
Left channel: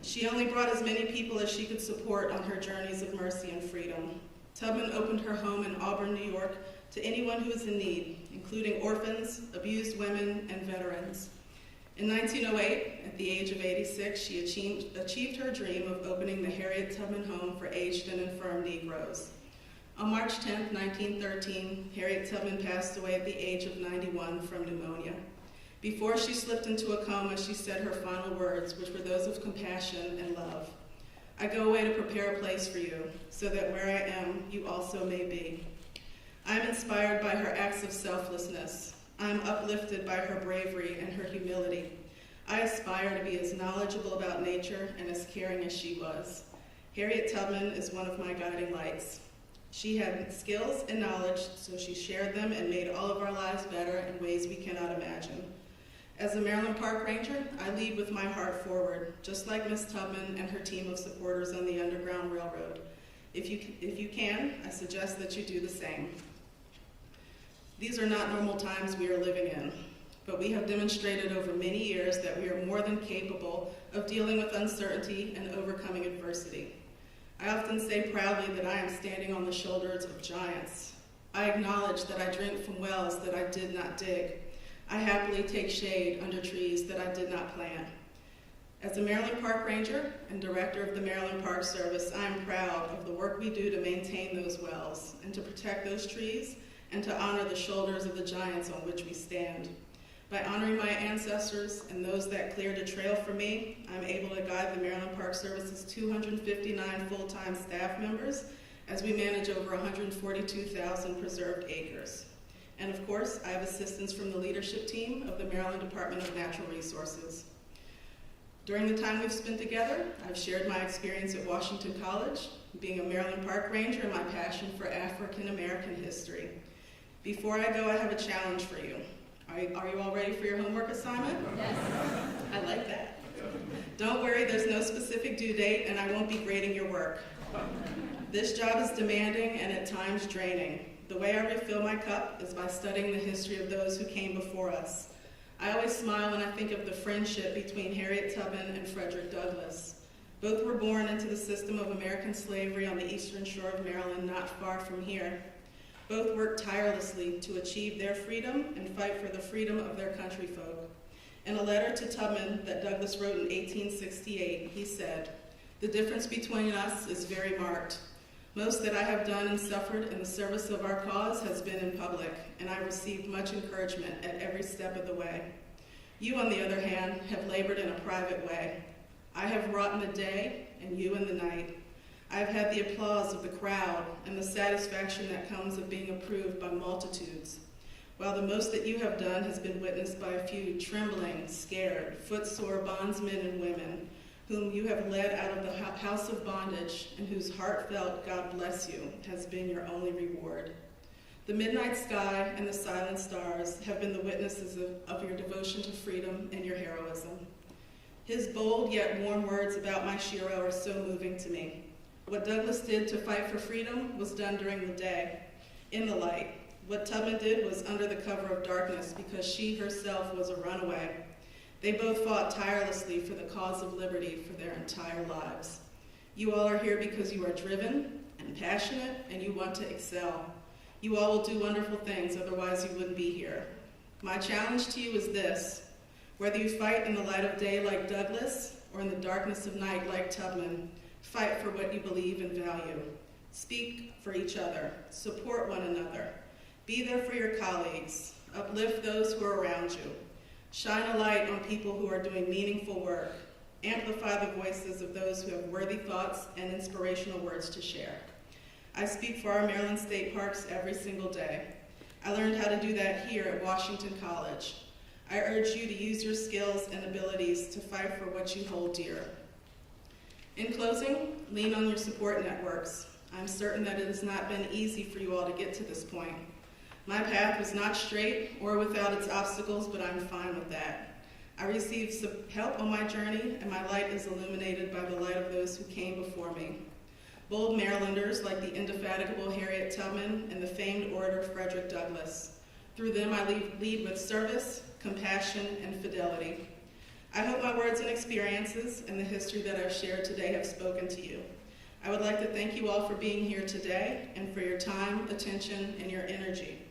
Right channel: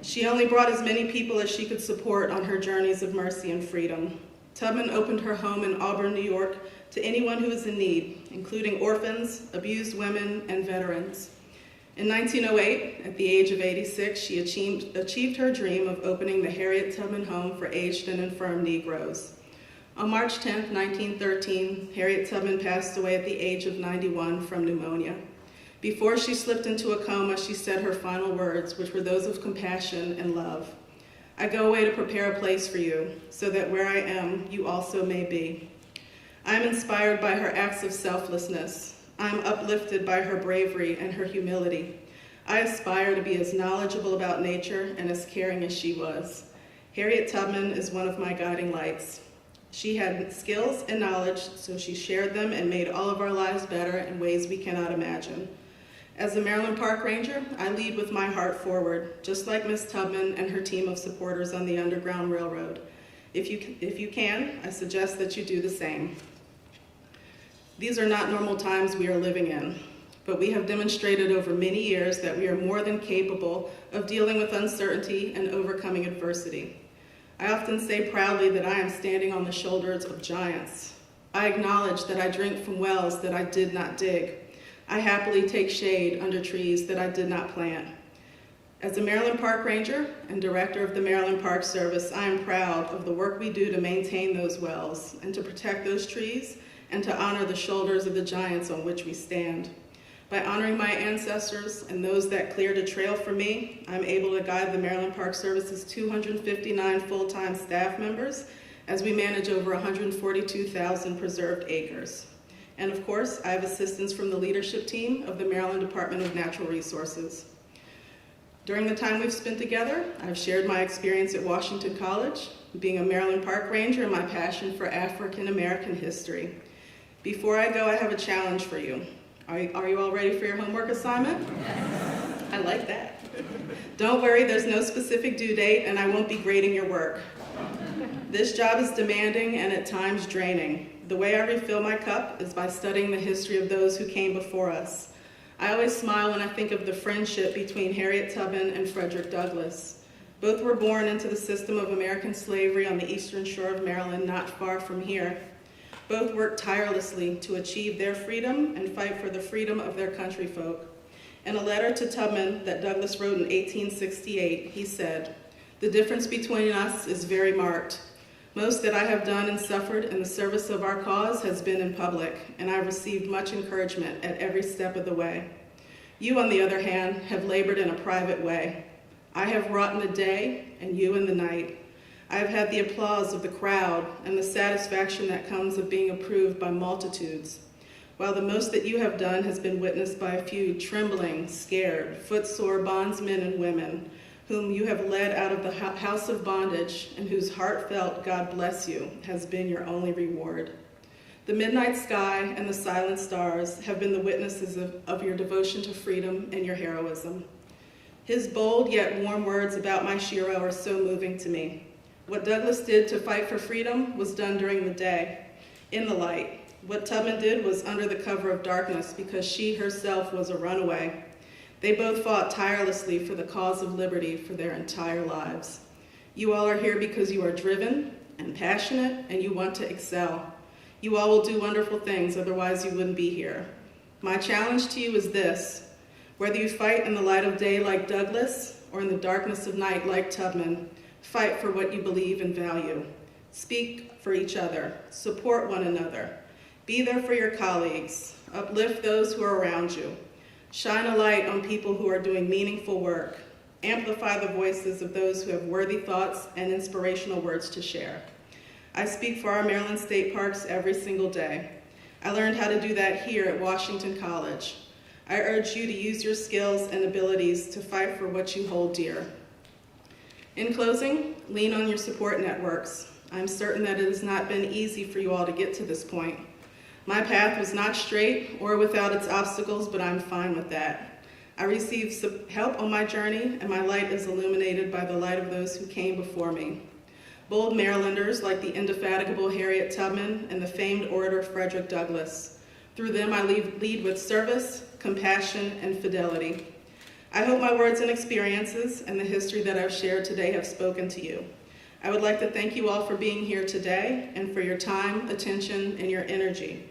She only brought as many people as she could support on her journeys of mercy and freedom. Tubman opened her home in Auburn, New York, to anyone who was in need, including orphans, abused women, and veterans. In 1908, at the age of 86, she achieved her dream of opening the Harriet Tubman Home for Aged and Infirm Negroes. On March 10, 1913, Harriet Tubman passed away at the age of 91 from pneumonia. Before she slipped into a coma, she said her final words, which were those of compassion and love. "I go away to prepare a place for you, so that where I am, you also may be." I am inspired by her acts of selflessness. I am uplifted by her bravery and her humility. I aspire to be as knowledgeable about nature and as caring as she was. Harriet Tubman is one of my guiding lights. She had skills and knowledge, so she shared them and made all of our lives better in ways we cannot imagine. As a Maryland Park Ranger, I lead with my heart forward, just like Miss Tubman and her team of supporters on the Underground Railroad. If you can, I suggest that you do the same. These are not normal times we are living in, but we have demonstrated over many years that we are more than capable of dealing with uncertainty and overcoming adversity. I often say proudly that I am standing on the shoulders of giants. I acknowledge that I drink from wells that I did not dig. I happily take shade under trees that I did not plant. As a Maryland Park Ranger and Director of the Maryland Park Service, I am proud of the work we do to maintain those wells and to protect those trees and to honor the shoulders of the giants on which we stand. By honoring my ancestors and those that cleared a trail for me, I'm able to guide the Maryland Park Service's 259 full-time staff members as we manage over 142,000 preserved acres. And of course, I have assistance from the leadership team of the Maryland Department of Natural Resources. During the time we've spent together, I've shared my experience at Washington College, being a Maryland Park Ranger, and my passion for African American history. Before I go, I have a challenge for you. Are you all ready for your homework assignment? Yes. I like that. Don't worry, there's no specific due date, and I won't be grading your work. This job is demanding and at times draining. The way I refill my cup is by studying the history of those who came before us. I always smile when I think of the friendship between Harriet Tubman and Frederick Douglass. Both were born into the system of American slavery on the eastern shore of Maryland, not far from here. Both worked tirelessly to achieve their freedom and fight for the freedom of their countryfolk. In a letter to Tubman that Douglass wrote in 1868, he said, "The difference between us is very marked. Most that I have done and suffered in the service of our cause has been in public, and I have received much encouragement at every step of the way. You, on the other hand, have labored in a private way. I have wrought in the day, and you in the night. I have had the applause of the crowd and the satisfaction that comes of being approved by multitudes, while the most that you have done has been witnessed by a few trembling, scared, footsore bondsmen and women, whom you have led out of the house of bondage, and whose heartfelt "God bless you" has been your only reward. The midnight sky and the silent stars have been the witnesses of your devotion to freedom and your heroism. His bold yet warm words about my Shiro are so moving to me. What Douglass did to fight for freedom was done during the day, in the light. What Tubman did was under the cover of darkness because she herself was a runaway. They both fought tirelessly for the cause of liberty for their entire lives. You all are here because you are driven and passionate and you want to excel. You all will do wonderful things, otherwise you wouldn't be here. My challenge to you is this: whether you fight in the light of day like Douglass or in the darkness of night like Tubman, fight for what you believe and value. Speak for each other. Support one another. Be there for your colleagues. Uplift those who are around you. Shine a light on people who are doing meaningful work. Amplify the voices of those who have worthy thoughts and inspirational words to share. I speak for our Maryland State Parks every single day. I learned how to do that here at Washington College. I urge you to use your skills and abilities to fight for what you hold dear. In closing, lean on your support networks. I'm certain that it has not been easy for you all to get to this point. My path was not straight or without its obstacles, but I'm fine with that. I received help on my journey, and my light is illuminated by the light of those who came before me. Bold Marylanders like the indefatigable Harriet Tubman and the famed orator Frederick Douglass. Through them, I lead with service, compassion, and fidelity. I hope my words and experiences and the history that I've shared today have spoken to you. I would like to thank you all for being here today and for your time, attention, and your energy.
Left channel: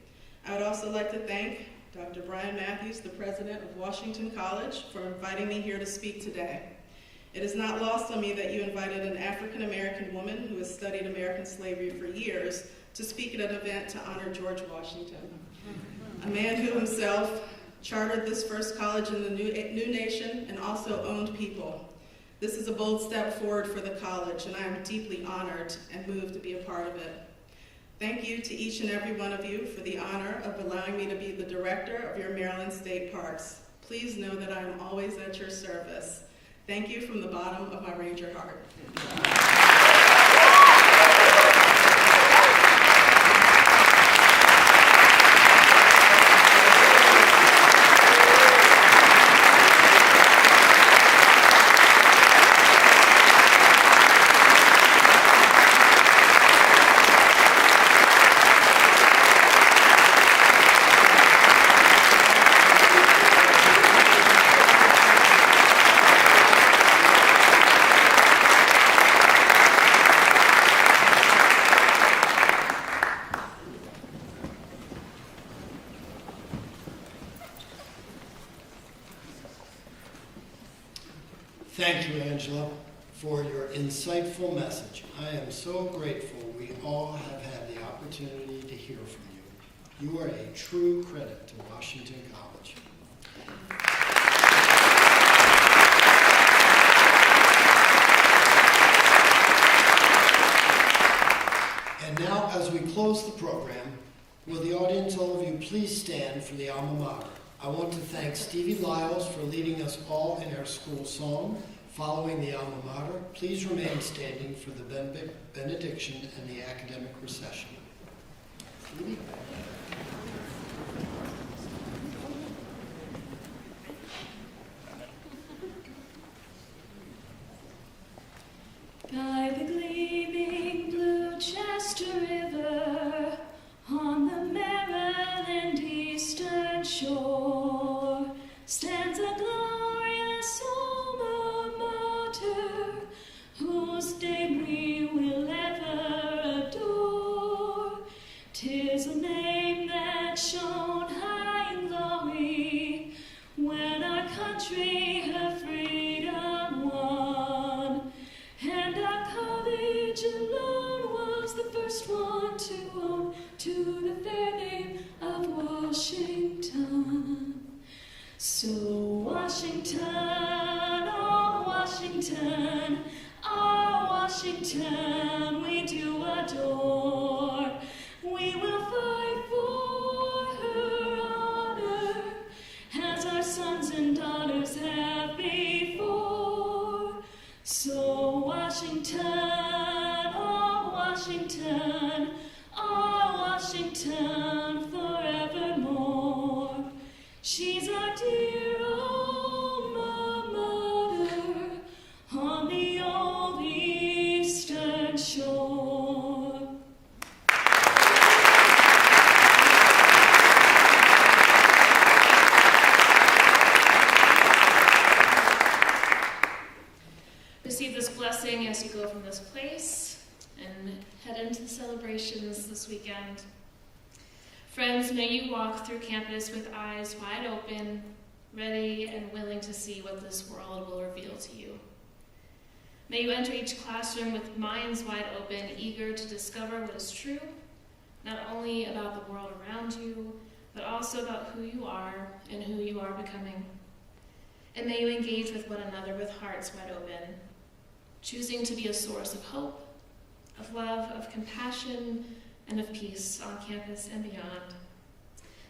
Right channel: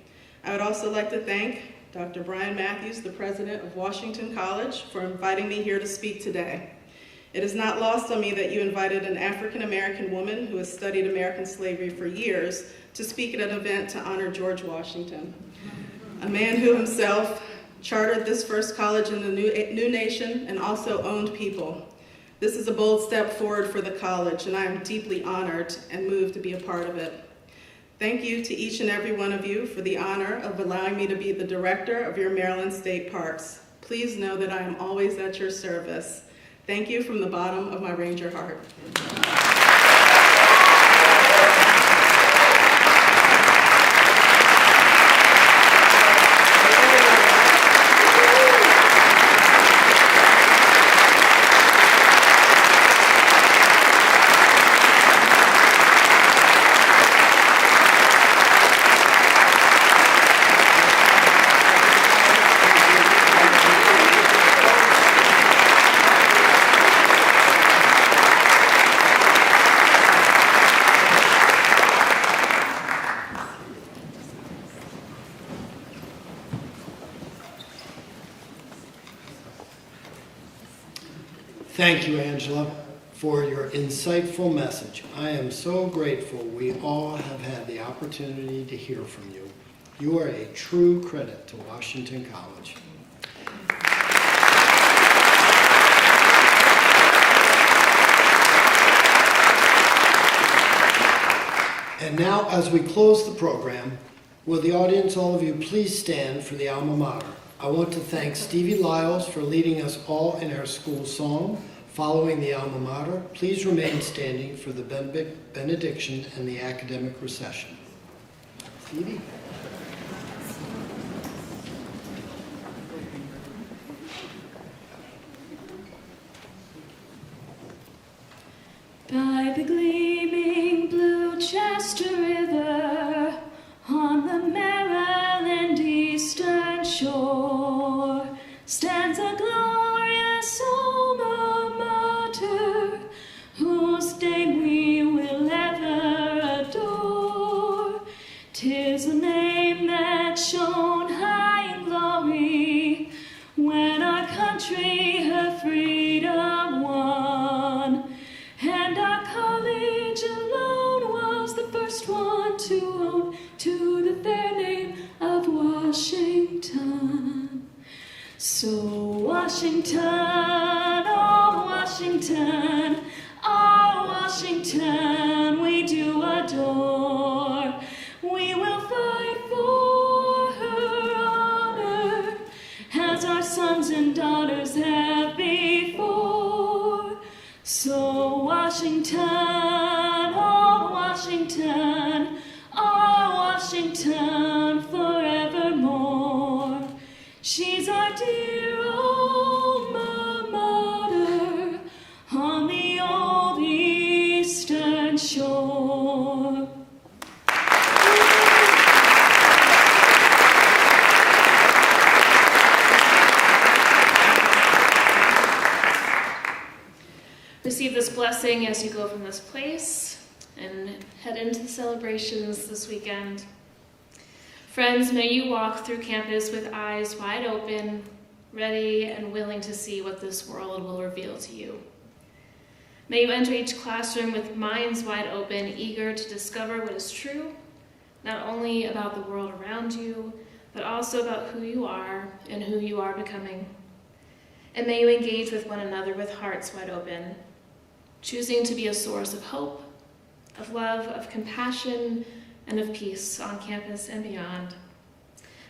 I would also like to thank Dr. Brian Matthews, the president of Washington College, for inviting me here to speak today. It is not lost on me that you invited an African-American woman who has studied American slavery for years to speak at an event to honor George Washington, a man who himself chartered this first college in the new nation and also owned people. This is a bold step forward for the college, and I am deeply honored and moved to be a part of it. Thank you to each and every one of you for the honor of allowing me to be the director of your Maryland State Parks. Please know that I am always at your service. Thank you from the bottom of my Ranger heart. Thank you, Angela, for your insightful message. I am so grateful we all have had the opportunity to hear from you. You are a true credit to Washington College. And now, as we close the program, will the audience, all of you, please stand for the alma mater. I want to thank Stevie Lyles for leading us all in our school song. Following the alma mater, please remain standing for the benediction and the academic recession. Stevie? By the gleaming blue Chester River, on the Maryland eastern shore, stands a glorious alma mater, whose name we will ever adore. 'Tis a name that shone high in glory when our country her freedom won, and our college alone was the first one to own to the fair name of Washington. So Washington, oh Washington, oh Washington, we do adore. We will fight for her honor as our sons and daughters have before. So Washington, oh Washington, oh Washington, Washington forevermore. She's our dear alma mater on the old eastern shore. Receive this blessing as you go from this place and head into the celebrations this weekend. Friends, may you walk through campus with eyes wide open, ready and willing to see what this world will reveal to you. May you enter each classroom with minds wide open, eager to discover what is true, not only about the world around you, but also about who you are and who you are becoming. And may you engage with one another with hearts wide open, choosing to be a source of hope, of love, of compassion, and of peace on campus and beyond.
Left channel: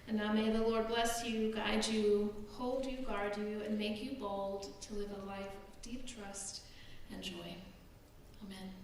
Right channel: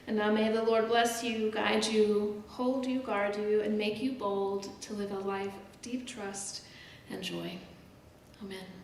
And now may the Lord bless you, guide you, hold you, guard you, and make you bold to live a life of deep trust and joy. Amen.